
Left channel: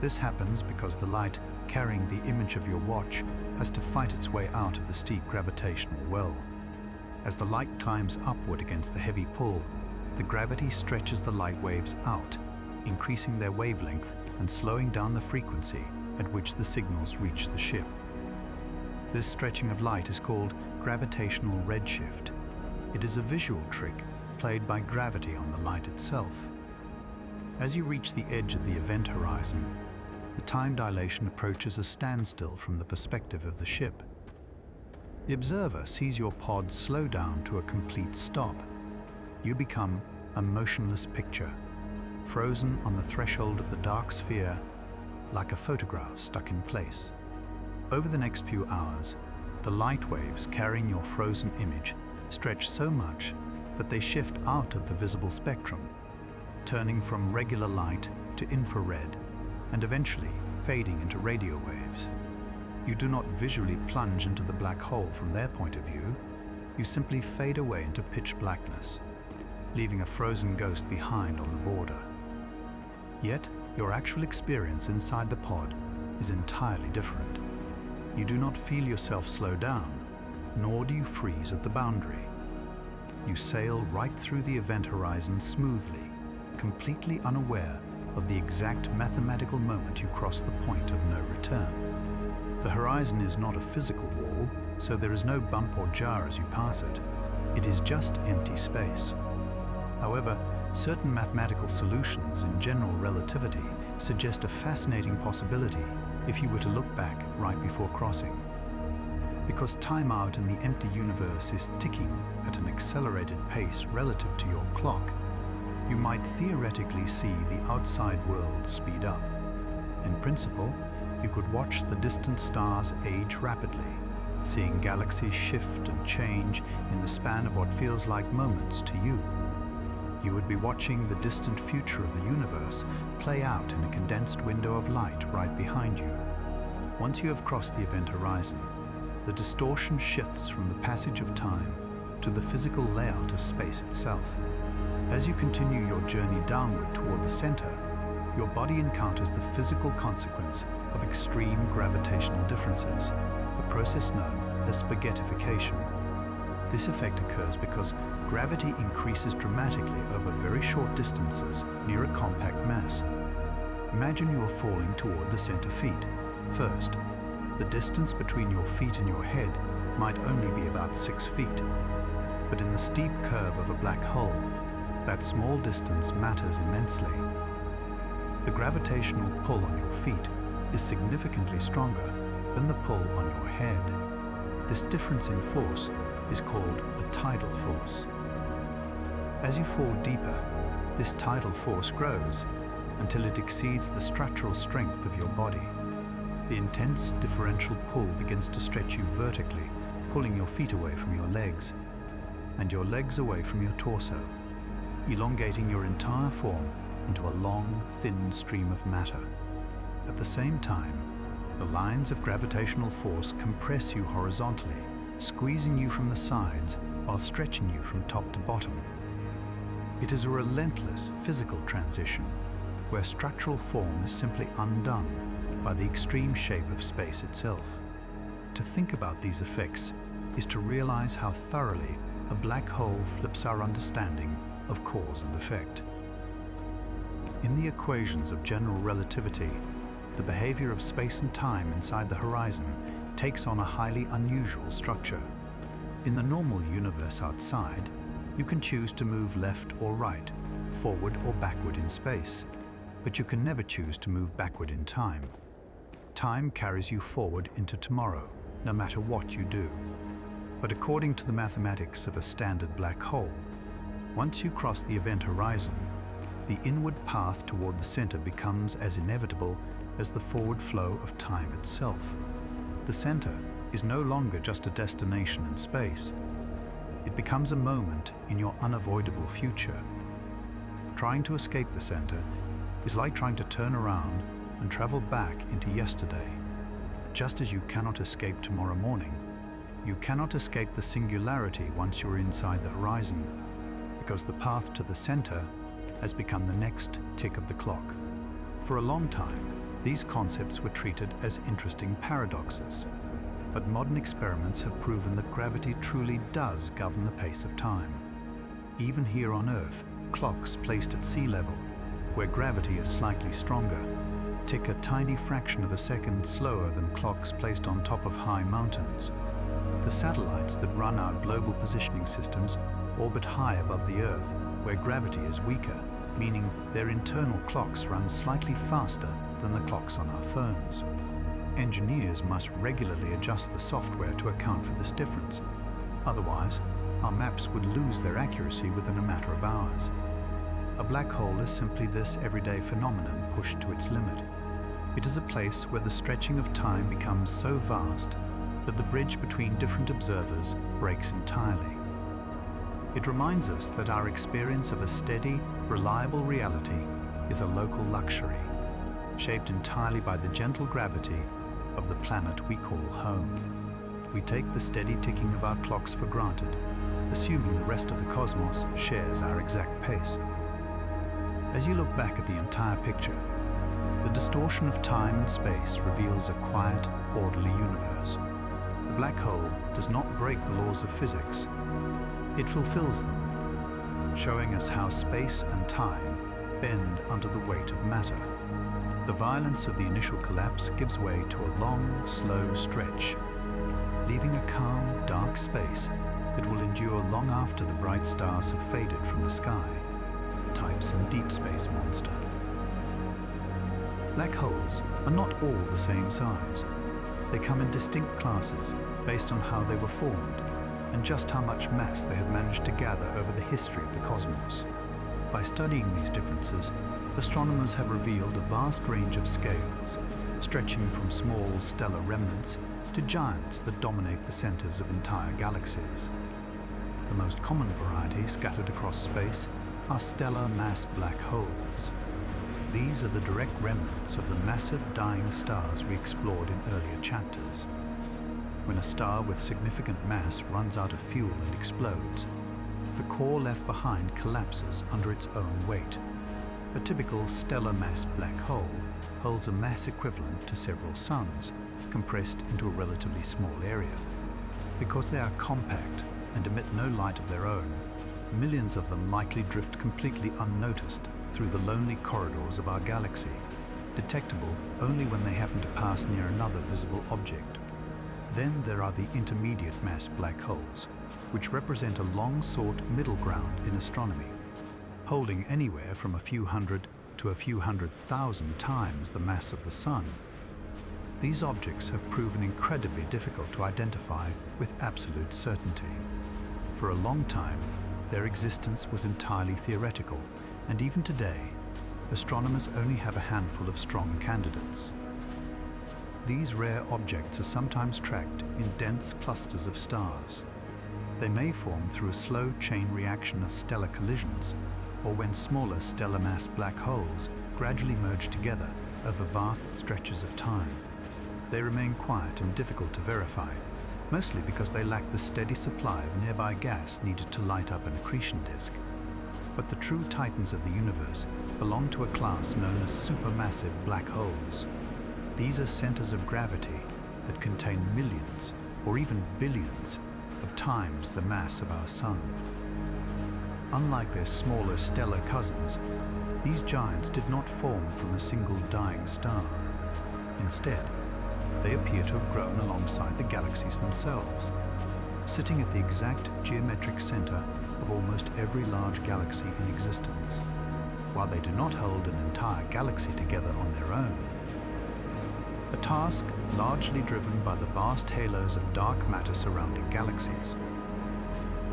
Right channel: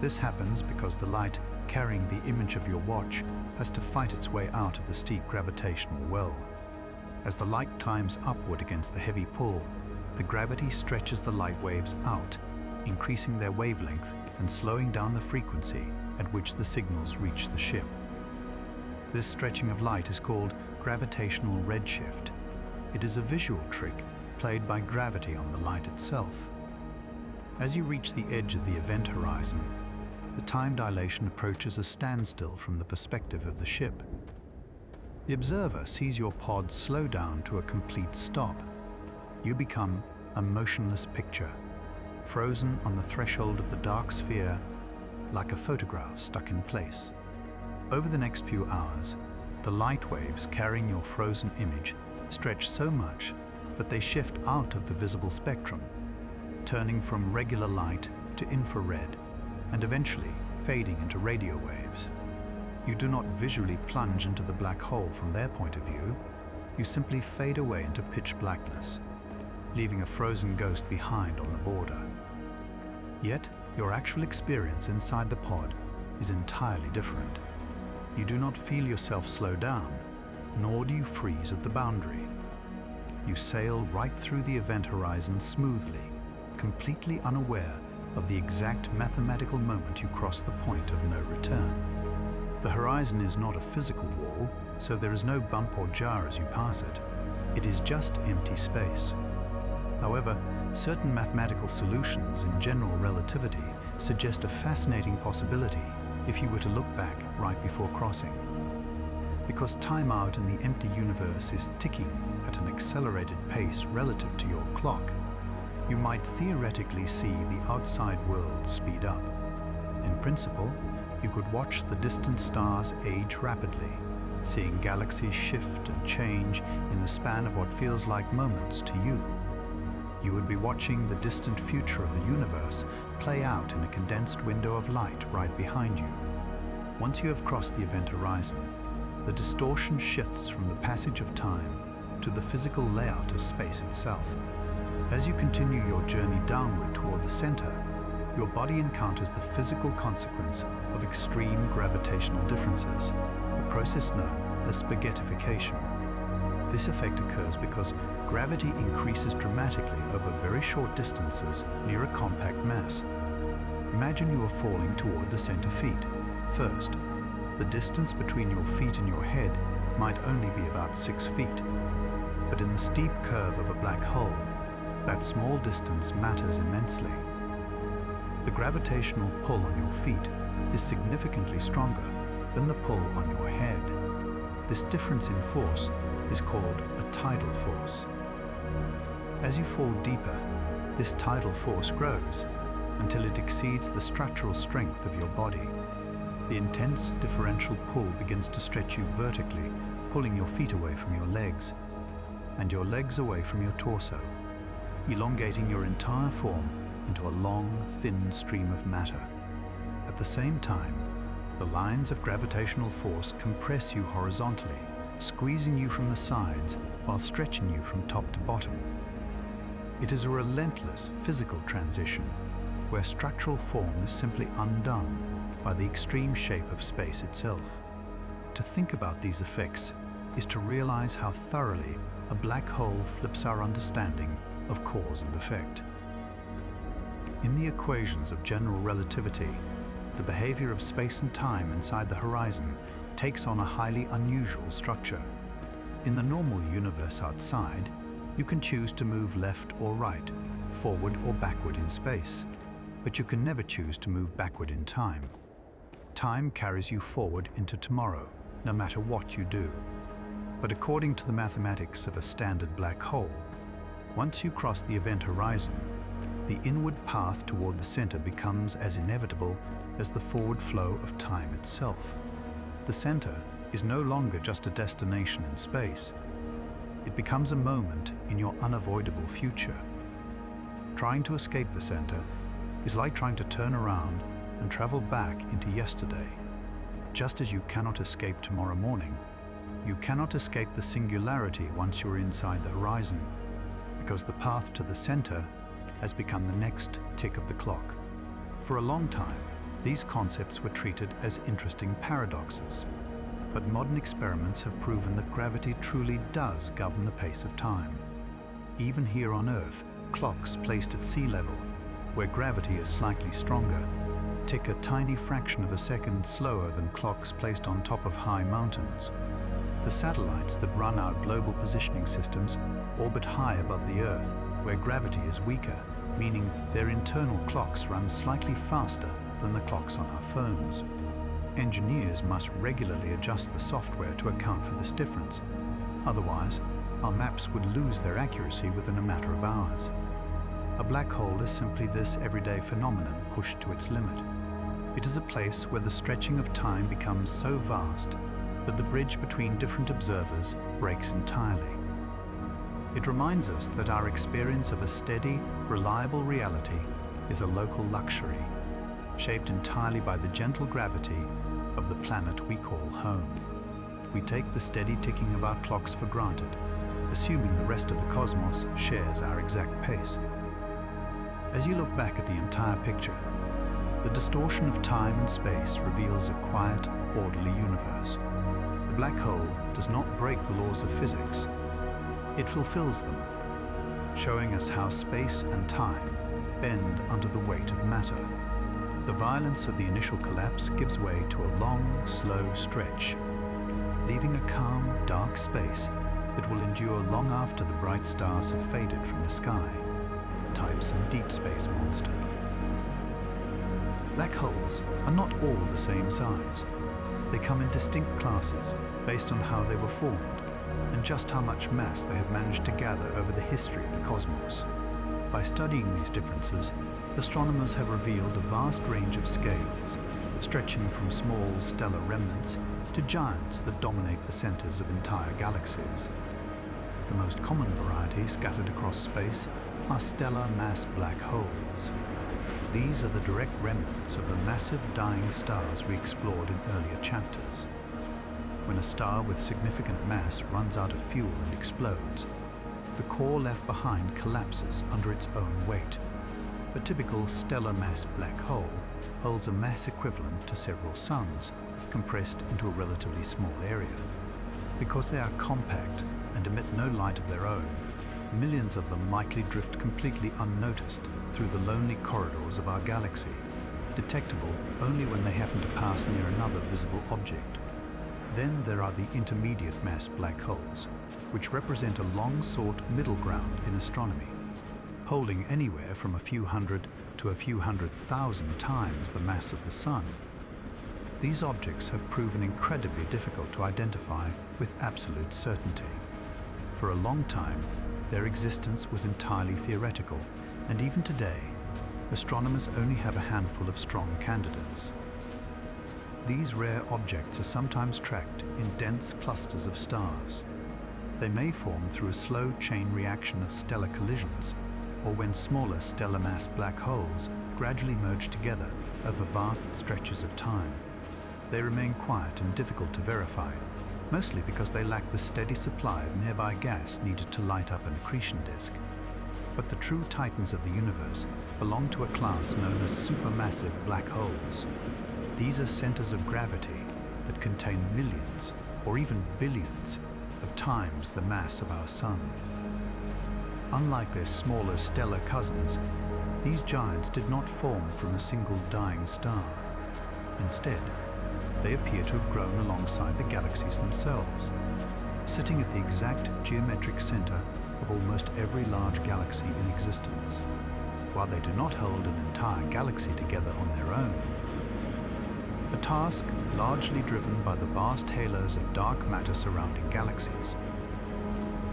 This happens because the light carrying the image of your watch has to fight its way out of the steep gravitational well. As the light climbs upward against the heavy pull, the gravity stretches the light waves out, increasing their wavelength and slowing down the frequency at which the signals reach the ship. This stretching of light is called gravitational redshift. It is a visual trick played by gravity on the light itself. As you reach the edge of the event horizon, the time dilation approaches a standstill from the perspective of the ship. The observer sees your pod slow down to a complete stop. You become a motionless picture, frozen on the threshold of the dark sphere, like a photograph stuck in place. Over the next few hours, the light waves carrying your frozen image stretch so much that they shift out of the visible spectrum, turning from regular light to infrared, and eventually fading into radio waves. You do not visually plunge into the black hole from their point of view. You simply fade away into pitch blackness, leaving a frozen ghost behind on the border. Yet, your actual experience inside the pod is entirely different. You do not feel yourself slow down, nor do you freeze at the boundary. You sail right through the event horizon smoothly, completely unaware of the exact mathematical moment you cross the point of no return. The horizon is not a physical wall, so there is no bump or jar as you pass it. It is just empty space. However, certain mathematical solutions in general relativity suggest a fascinating possibility if you were to look back right before crossing. Because time out in the empty universe is ticking at an accelerated pace relative to your clock, you might theoretically see the outside world speed up. In principle, you could watch the distant stars age rapidly, seeing galaxies shift and change in the span of what feels like moments to you. You would be watching the distant future of the universe play out in a condensed window of light right behind you. Once you have crossed the event horizon, the distortion shifts from the passage of time to the physical layout of space itself. As you continue your journey downward toward the center, your body encounters the physical consequence of extreme gravitational differences, a process known as spaghettification. This effect occurs because gravity increases dramatically over very short distances near a compact mass. Imagine you are falling toward the center feet. First, the distance between your feet and your head might only be about 6 feet. But in the steep curve of a black hole, that small distance matters immensely. The gravitational pull on your feet is significantly stronger than the pull on your head. This difference in force is called a tidal force. As you fall deeper, this tidal force grows until it exceeds the structural strength of your body. The intense differential pull begins to stretch you vertically, pulling your feet away from your legs, and your legs away from your torso, elongating your entire form into a long, thin stream of matter. At the same time, the lines of gravitational force compress you horizontally, squeezing you from the sides while stretching you from top to bottom. It is a relentless physical transition where structural form is simply undone by the extreme shape of space itself. To think about these effects is to realize how thoroughly a black hole flips our understanding of cause and effect. In the equations of general relativity, the behavior of space and time inside the horizon takes on a highly unusual structure. In the normal universe outside, you can choose to move left or right, forward or backward in space, but you can never choose to move backward in time. Time carries you forward into tomorrow, no matter what you do. But according to the mathematics of a standard black hole, once you cross the event horizon, the inward path toward the center becomes as inevitable as the forward flow of time itself. The center is no longer just a destination in space. It becomes a moment in your unavoidable future. Trying to escape the center is like trying to turn around and travel back into yesterday. Just as you cannot escape tomorrow morning, you cannot escape the singularity once you're inside the horizon, because the path to the center has become the next tick of the clock. For a long time, these concepts were treated as interesting paradoxes, but modern experiments have proven that gravity truly does govern the pace of time. Even here on Earth, clocks placed at sea level, where gravity is slightly stronger, tick a tiny fraction of a second slower than clocks placed on top of high mountains. The satellites that run our global positioning systems orbit high above the Earth, where gravity is weaker, meaning their internal clocks run slightly faster than the clocks on our phones. Engineers must regularly adjust the software to account for this difference. Otherwise, our maps would lose their accuracy within a matter of hours. A black hole is simply this everyday phenomenon pushed to its limit. It is a place where the stretching of time becomes so vast that the bridge between different observers breaks entirely. It reminds us that our experience of a steady, reliable reality is a local luxury, shaped entirely by the gentle gravity of the planet we call home. We take the steady ticking of our clocks for granted, assuming the rest of the cosmos shares our exact pace. As you look back at the entire picture, the distortion of time and space reveals a quiet, orderly universe. The black hole does not break the laws of physics. It fulfills them, showing us how space and time bend under the weight of matter. The violence of the initial collapse gives way to a long, slow stretch, leaving a calm, dark space that will endure long after the bright stars have faded from the sky. Type some deep space monster. Black holes are not all the same size. They come in distinct classes based on how they were formed and just how much mass they have managed to gather over the history of the cosmos. By studying these differences, astronomers have revealed a vast range of scales, stretching from small stellar remnants to giants that dominate the centers of entire galaxies. The most common variety scattered across space are stellar mass black holes. These are the direct remnants of the massive dying stars we explored in earlier chapters. When a star with significant mass runs out of fuel and explodes, the core left behind collapses under its own weight. A typical stellar mass black hole holds a mass equivalent to several suns, compressed into a relatively small area. Because they are compact and emit no light of their own, millions of them likely drift completely unnoticed through the lonely corridors of our galaxy, detectable only when they happen to pass near another visible object. Then there are the intermediate mass black holes, which represent a long-sought middle ground in astronomy, holding anywhere from a few hundred to a few 100,000 times the mass of the Sun. These objects have proven incredibly difficult to identify with absolute certainty. For a long time, their existence was entirely theoretical, and even today, astronomers only have a handful of strong candidates. These rare objects are sometimes tracked in dense clusters of stars. They may form through a slow chain reaction of stellar collisions, or when smaller stellar mass black holes gradually merge together over vast stretches of time. They remain quiet and difficult to verify, mostly because they lack the steady supply of nearby gas needed to light up an accretion disk. But the true titans of the universe belong to a class known as supermassive black holes. These are centers of gravity that contain millions or even billions of times the mass of our Sun. Unlike their smaller stellar cousins, these giants did not form from a single dying star. Instead, they appear to have grown alongside the galaxies themselves, sitting at the exact geometric center of almost every large galaxy in existence. While they do not hold an entire galaxy together on their own, a task largely driven by the vast halos of dark matter surrounding galaxies.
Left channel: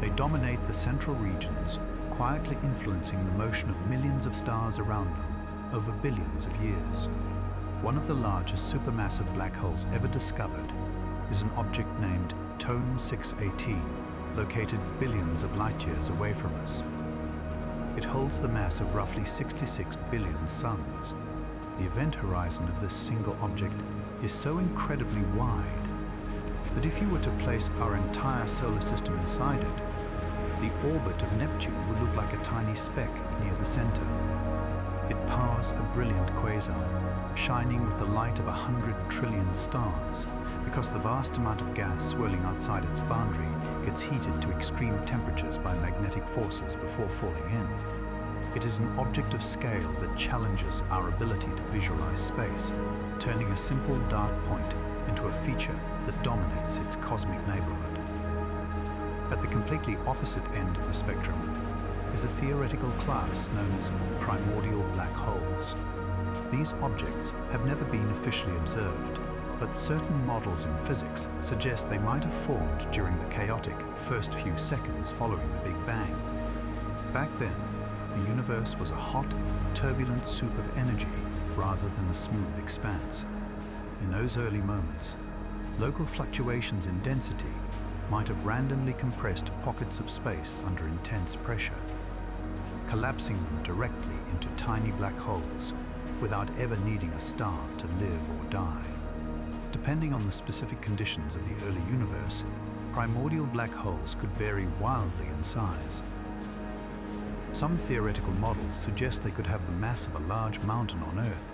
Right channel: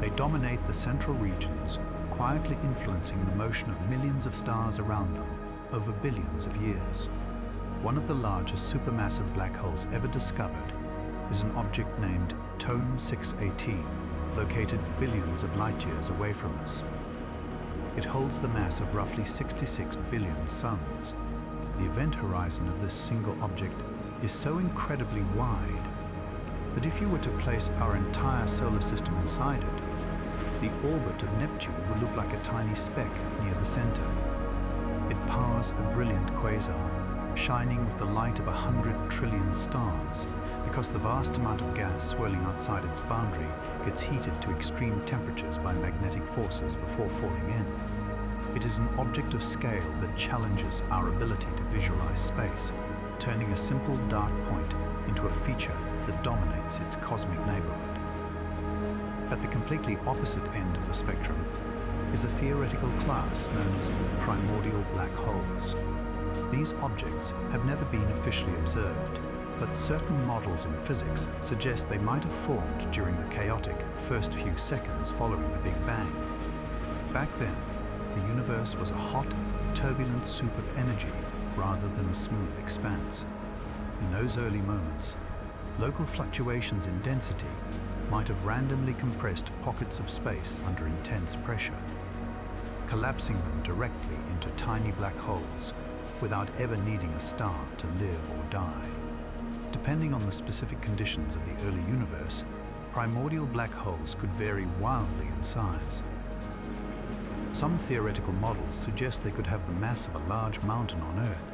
They dominate the central regions, quietly influencing the motion of millions of stars around them over billions of years. One of the largest supermassive black holes ever discovered is an object named Tone 618, located billions of light-years away from us. It holds the mass of roughly 66 billion suns. The event horizon of this single object is so incredibly wide that if you were to place our entire solar system inside it, the orbit of Neptune would look like a tiny speck near the center. It powers a brilliant quasar, shining with the light of 100 trillion stars, because the vast amount of gas swirling outside its boundary gets heated to extreme temperatures by magnetic forces before falling in. It is an object of scale that challenges our ability to visualize space, turning a simple dark point into a feature that dominates its cosmic neighborhood. At the completely opposite end of the spectrum is a theoretical class known as primordial black holes. These objects have never been officially observed, but certain models in physics suggest they might have formed during the chaotic first few seconds following the Big Bang. Back then, the universe was a hot, turbulent soup of energy rather than a smooth expanse. In those early moments, local fluctuations in density might have randomly compressed pockets of space under intense pressure, collapsing them directly into tiny black holes without ever needing a star to live or die. Depending on the specific conditions of the early universe, primordial black holes could vary wildly in size. Some theoretical models suggest they could have the mass of a large mountain on Earth,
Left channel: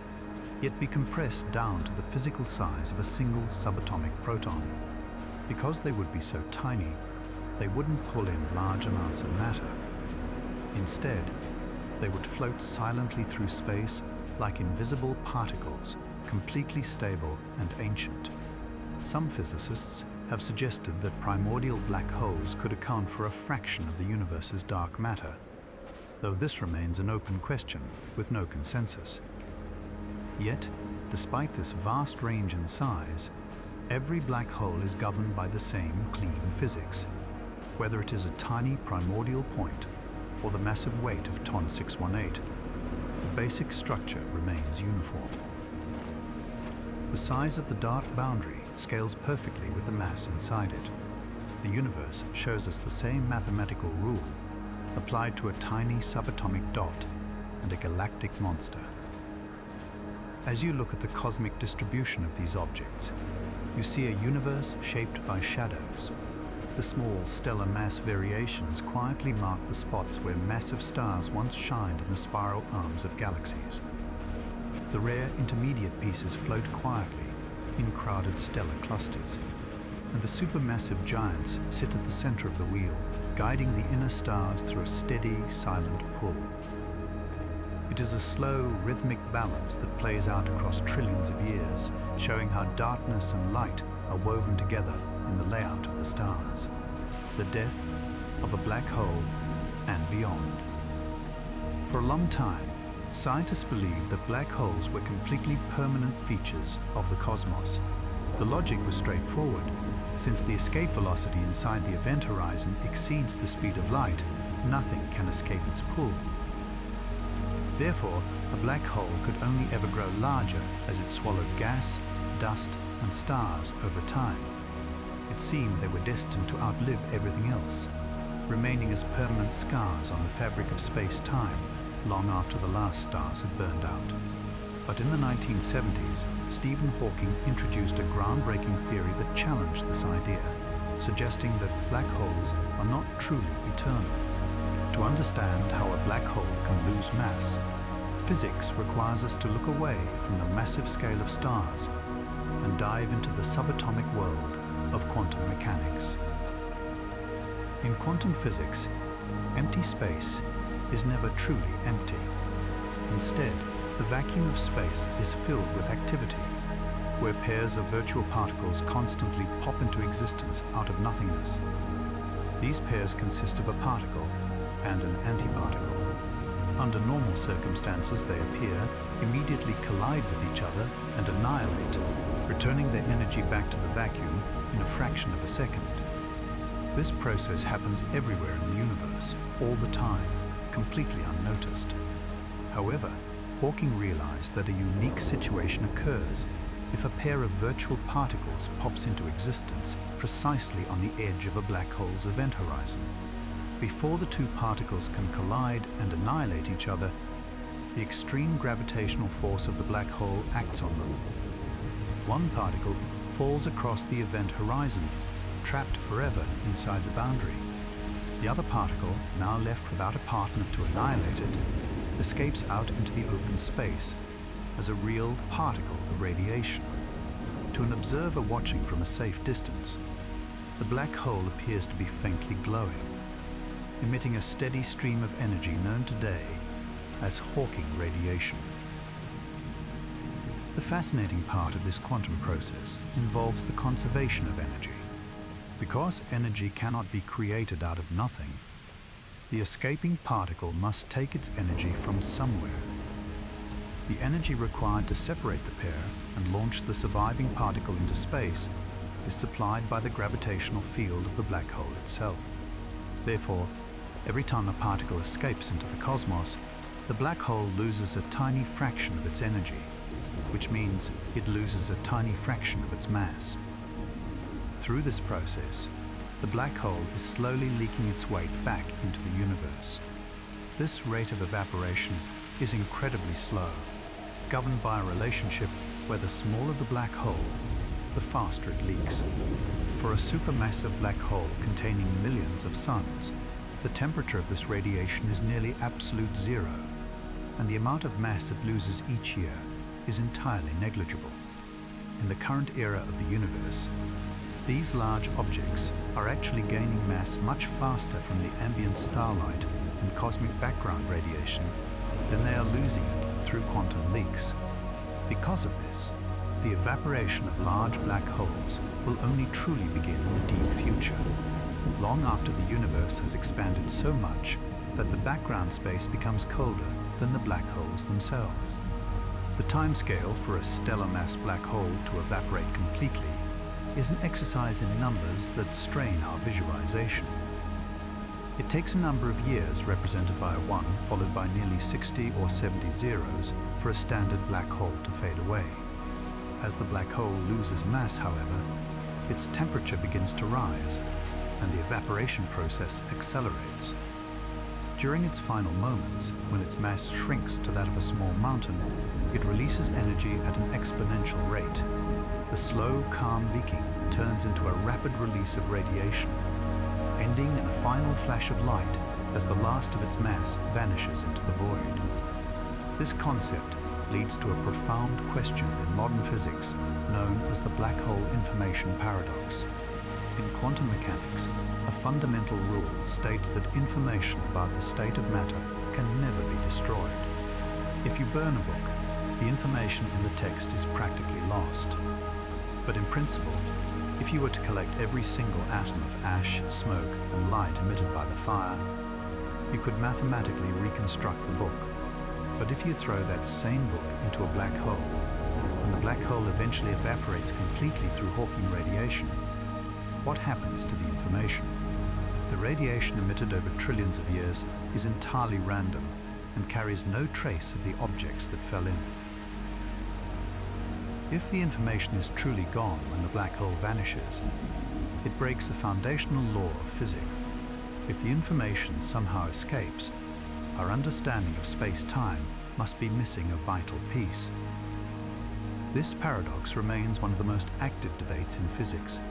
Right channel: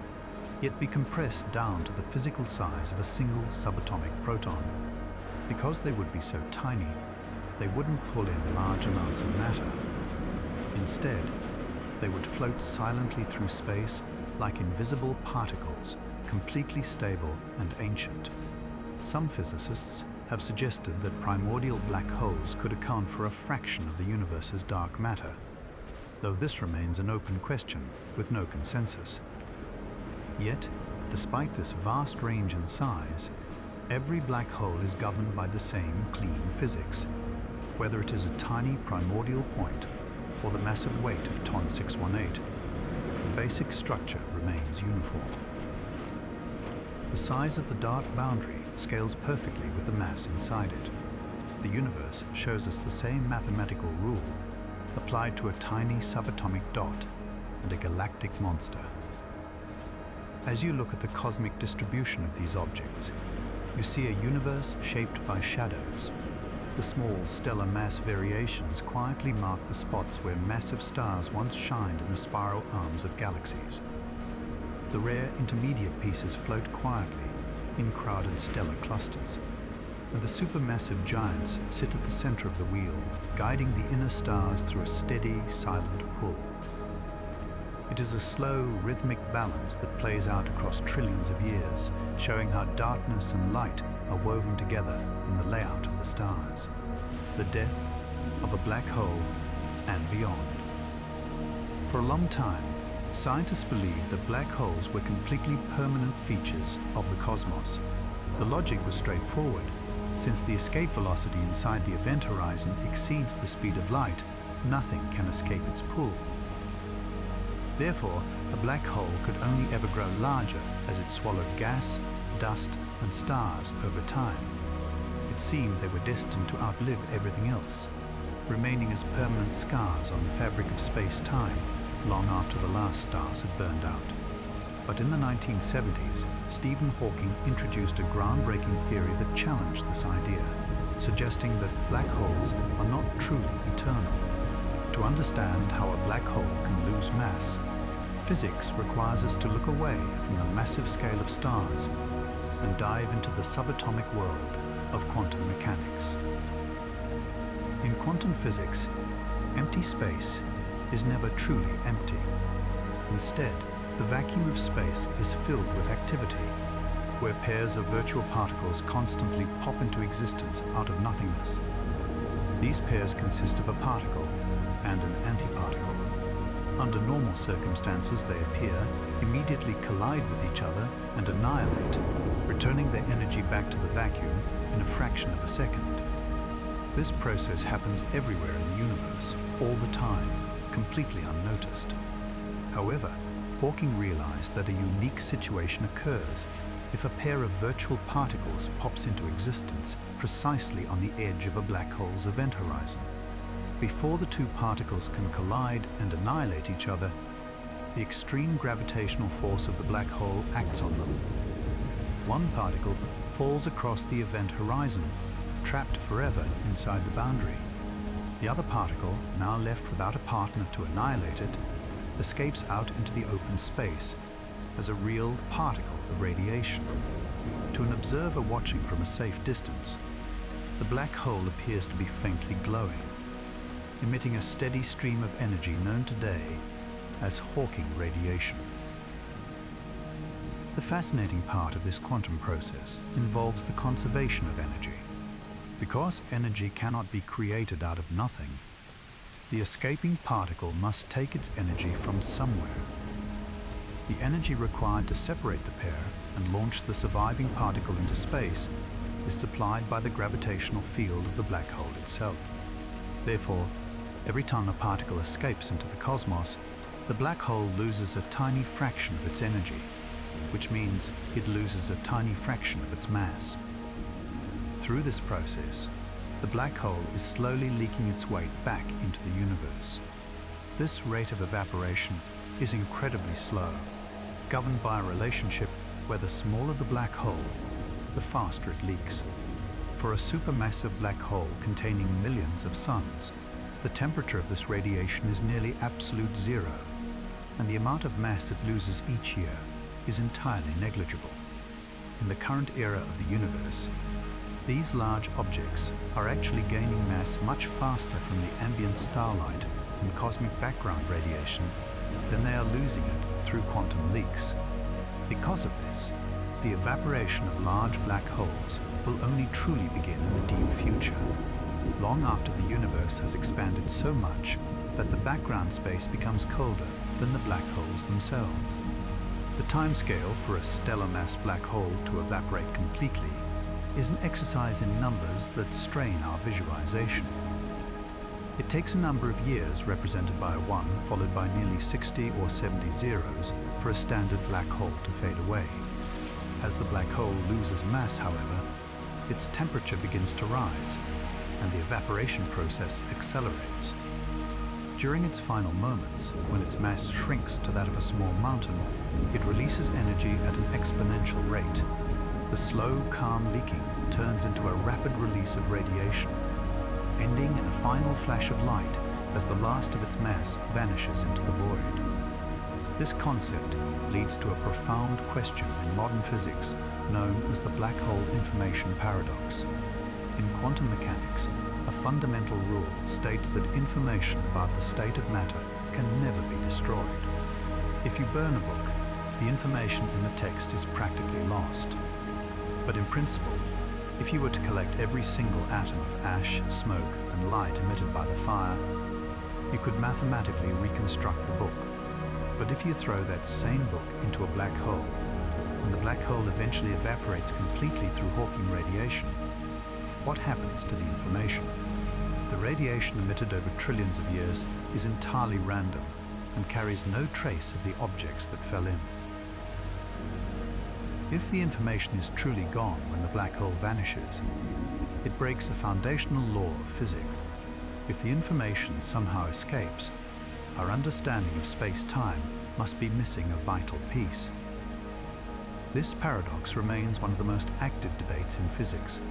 yet be compressed down to the physical size of a single subatomic proton. Because they would be so tiny, they wouldn't pull in large amounts of matter. Instead, they would float silently through space like invisible particles, completely stable and ancient. Some physicists have suggested that primordial black holes could account for a fraction of the universe's dark matter, though this remains an open question with no consensus. Yet, despite this vast range in size, every black hole is governed by the same clean physics, whether it is a tiny primordial point or the massive weight of Ton 618. The basic structure remains uniform. The size of the dark boundary scales perfectly with the mass inside it. The universe shows us the same mathematical rule applied to a tiny subatomic dot and a galactic monster. As you look at the cosmic distribution of these objects, you see a universe shaped by shadows. The small stellar mass variations quietly mark the spots where massive stars once shined in the spiral arms of galaxies. The rare intermediate pieces float quietly in crowded stellar clusters, and the supermassive giants sit at the center of the wheel, guiding the inner stars through a steady, silent pull. It is a slow, rhythmic balance that plays out across trillions of years, showing how darkness and light are woven together in the layout of the stars. The death of a black hole and beyond. For a long time, scientists believed that black holes were completely permanent features of the cosmos. The logic was straightforward. Since the escape velocity inside the event horizon exceeds the speed of light, nothing can escape its pull. Therefore, a black hole could only ever grow larger as it swallowed gas, dust, and stars over time. It seemed they were destined to outlive everything else, remaining as permanent scars on the fabric of space-time long after the last stars had burned out. But in the 1970s, Stephen Hawking introduced a groundbreaking theory that challenged this idea, suggesting that black holes are not truly eternal. To understand how a black hole can lose mass, physics requires us to look away from the massive scale of stars and dive into the subatomic world of quantum mechanics. In quantum physics, empty space is never truly empty. Instead, the vacuum of space is filled with activity, where pairs of virtual particles constantly pop into existence out of nothingness. These pairs consist of a particle and an antiparticle. Under normal circumstances, they appear, immediately collide with each other, and annihilate, returning their energy back to the vacuum in a fraction of a second. This process happens everywhere in the universe, all the time, completely unnoticed. However, Hawking realized that a unique situation occurs if a pair of virtual particles pops into existence precisely on the edge of a black hole's event horizon. Before the two particles can collide and annihilate each other, the extreme gravitational force of the black hole acts on them. One particle falls across the event horizon, trapped forever inside the boundary. The other particle, now left without a partner to annihilate it, escapes out into the open space as a real particle of radiation. To an observer watching from a safe distance, the black hole appears to be faintly glowing, emitting a steady stream of energy known today as Hawking radiation. The fascinating part of this quantum process involves the conservation of energy. Because energy cannot be created out of nothing, the escaping particle must take its energy from somewhere. The energy required to separate the pair and launch the surviving particle into space is supplied by the gravitational field of the black hole itself. Therefore, every time a particle escapes into the cosmos, the black hole loses a tiny fraction of its energy, which means it loses a tiny fraction of its mass. Through this process, the black hole is slowly leaking its weight back into the universe. This rate of evaporation is incredibly slow, governed by a relationship where the smaller the black hole, the faster it leaks. For a supermassive black hole containing millions of suns, the temperature of this radiation is nearly absolute zero, and the amount of mass it loses each year is entirely negligible. In the current era of the universe, these large objects are actually gaining mass much faster from the ambient starlight and cosmic background radiation than they are losing it through quantum leaks. Because of this, the evaporation of large black holes will only truly begin in the deep future, long after the universe has expanded so much that the background space becomes colder than the black holes themselves. The timescale for a stellar mass black hole to evaporate completely is an exercise in numbers that strain our visualization. It takes a number of years represented by a 1 followed by nearly 60 or 70 zeros for a standard black hole to fade away. As the black hole loses mass, however, its temperature begins to rise and the evaporation process accelerates. During its final moments, when its mass shrinks to that of a small mountain, it releases energy at an exponential rate. The slow, calm leaking turns into a rapid release of radiation, ending in a final flash of light as the last of its mass vanishes into the void. This concept leads to a profound question in modern physics known as the black hole information paradox. In quantum mechanics, a fundamental rule states that information about the state of matter can never be destroyed. If you burn a book, the information in the text is practically lost. But in principle, if you were to collect every single atom of ash, smoke, and light emitted by the fire, you could mathematically reconstruct the book. But if you throw that same book into a black hole, and the black hole eventually evaporates completely through Hawking radiation, what happens to the information? The radiation emitted over trillions of years is entirely random and carries no trace of the objects that fell in. If the information is truly gone when the black hole vanishes, it breaks a foundational law of physics. If the information somehow escapes, our understanding of space-time must be missing a vital piece. This paradox remains one of the most active debates in physics,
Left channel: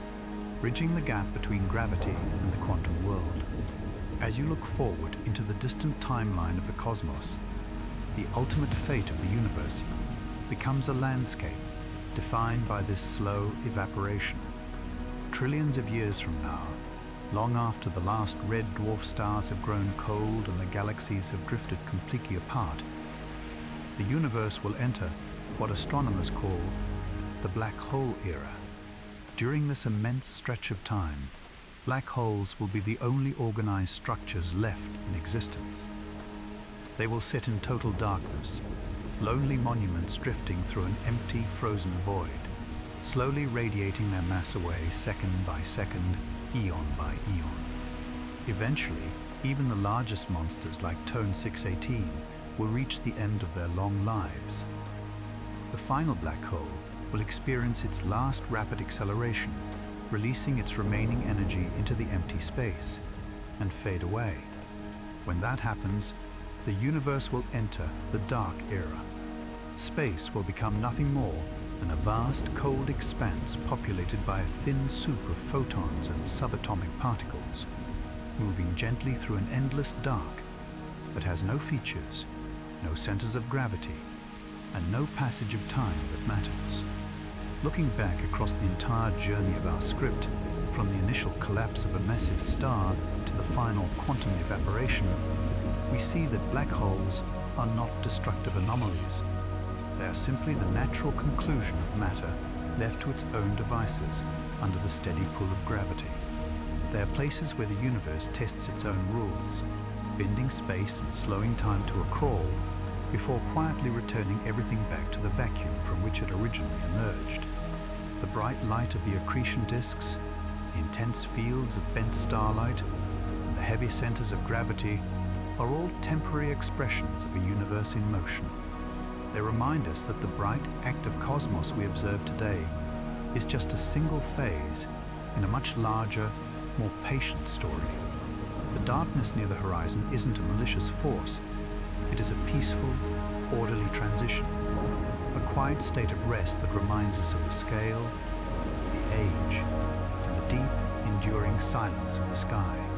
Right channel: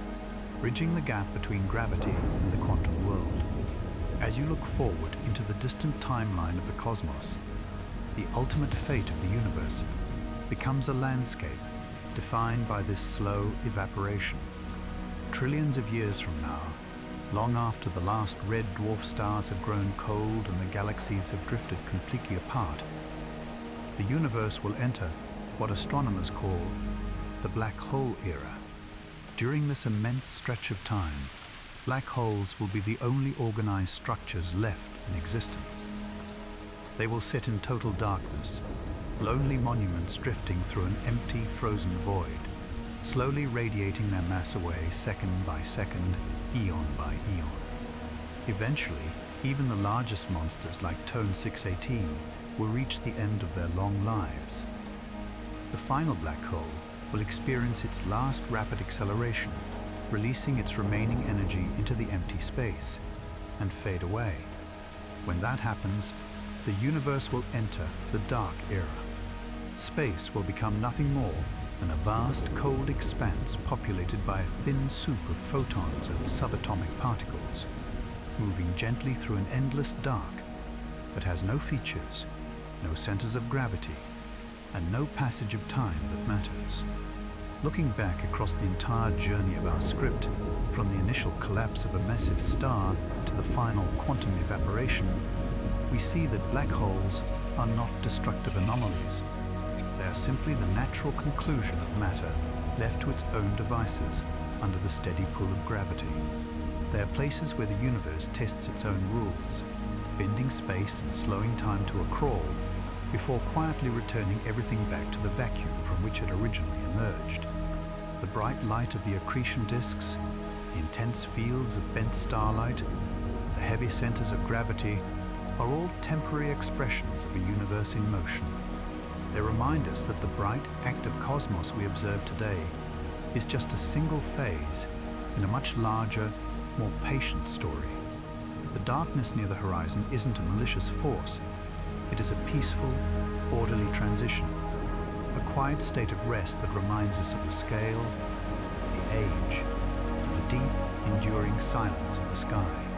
bridging the gap between gravity and the quantum world. As you look forward into the distant timeline of the cosmos, the ultimate fate of the universe becomes a landscape defined by this slow evaporation. Trillions of years from now, long after the last red dwarf stars have grown cold and the galaxies have drifted completely apart, the universe will enter what astronomers call the black hole era. During this immense stretch of time, black holes will be the only organized structures left in existence. They will sit in total darkness, lonely monuments drifting through an empty, frozen void, slowly radiating their mass away second by second, eon by eon. Eventually, even the largest monsters like Tone 618 will reach the end of their long lives. The final black hole will experience its last rapid acceleration, releasing its remaining energy into the empty space and fade away. When that happens, the universe will enter the dark era. Space will become nothing more than a vast, cold expanse populated by a thin soup of photons and subatomic particles, moving gently through an endless dark that has no features, no centers of gravity, and no passage of time that matters. Looking back across the entire journey of our script, from the initial collapse of a massive star to the final quantum evaporation, we see that black holes are not destructive anomalies. They are simply the natural conclusion of matter left to its own devices under the steady pull of gravity. They are places where the universe tests its own rules, bending space and slowing time to a crawl before quietly returning everything back to the vacuum from which it originally emerged. The bright light of the accretion disks, the intense fields of bent starlight, and the heavy centers of gravity are all temporary expressions of a universe in motion. They remind us that the bright, active cosmos we observe today is just a single phase in a much larger, more patient story. The darkness near the horizon isn't a malicious force. It is a peaceful, orderly transition, a quiet state of rest that reminds us of the scale, the age, and the deep, enduring silence of the sky.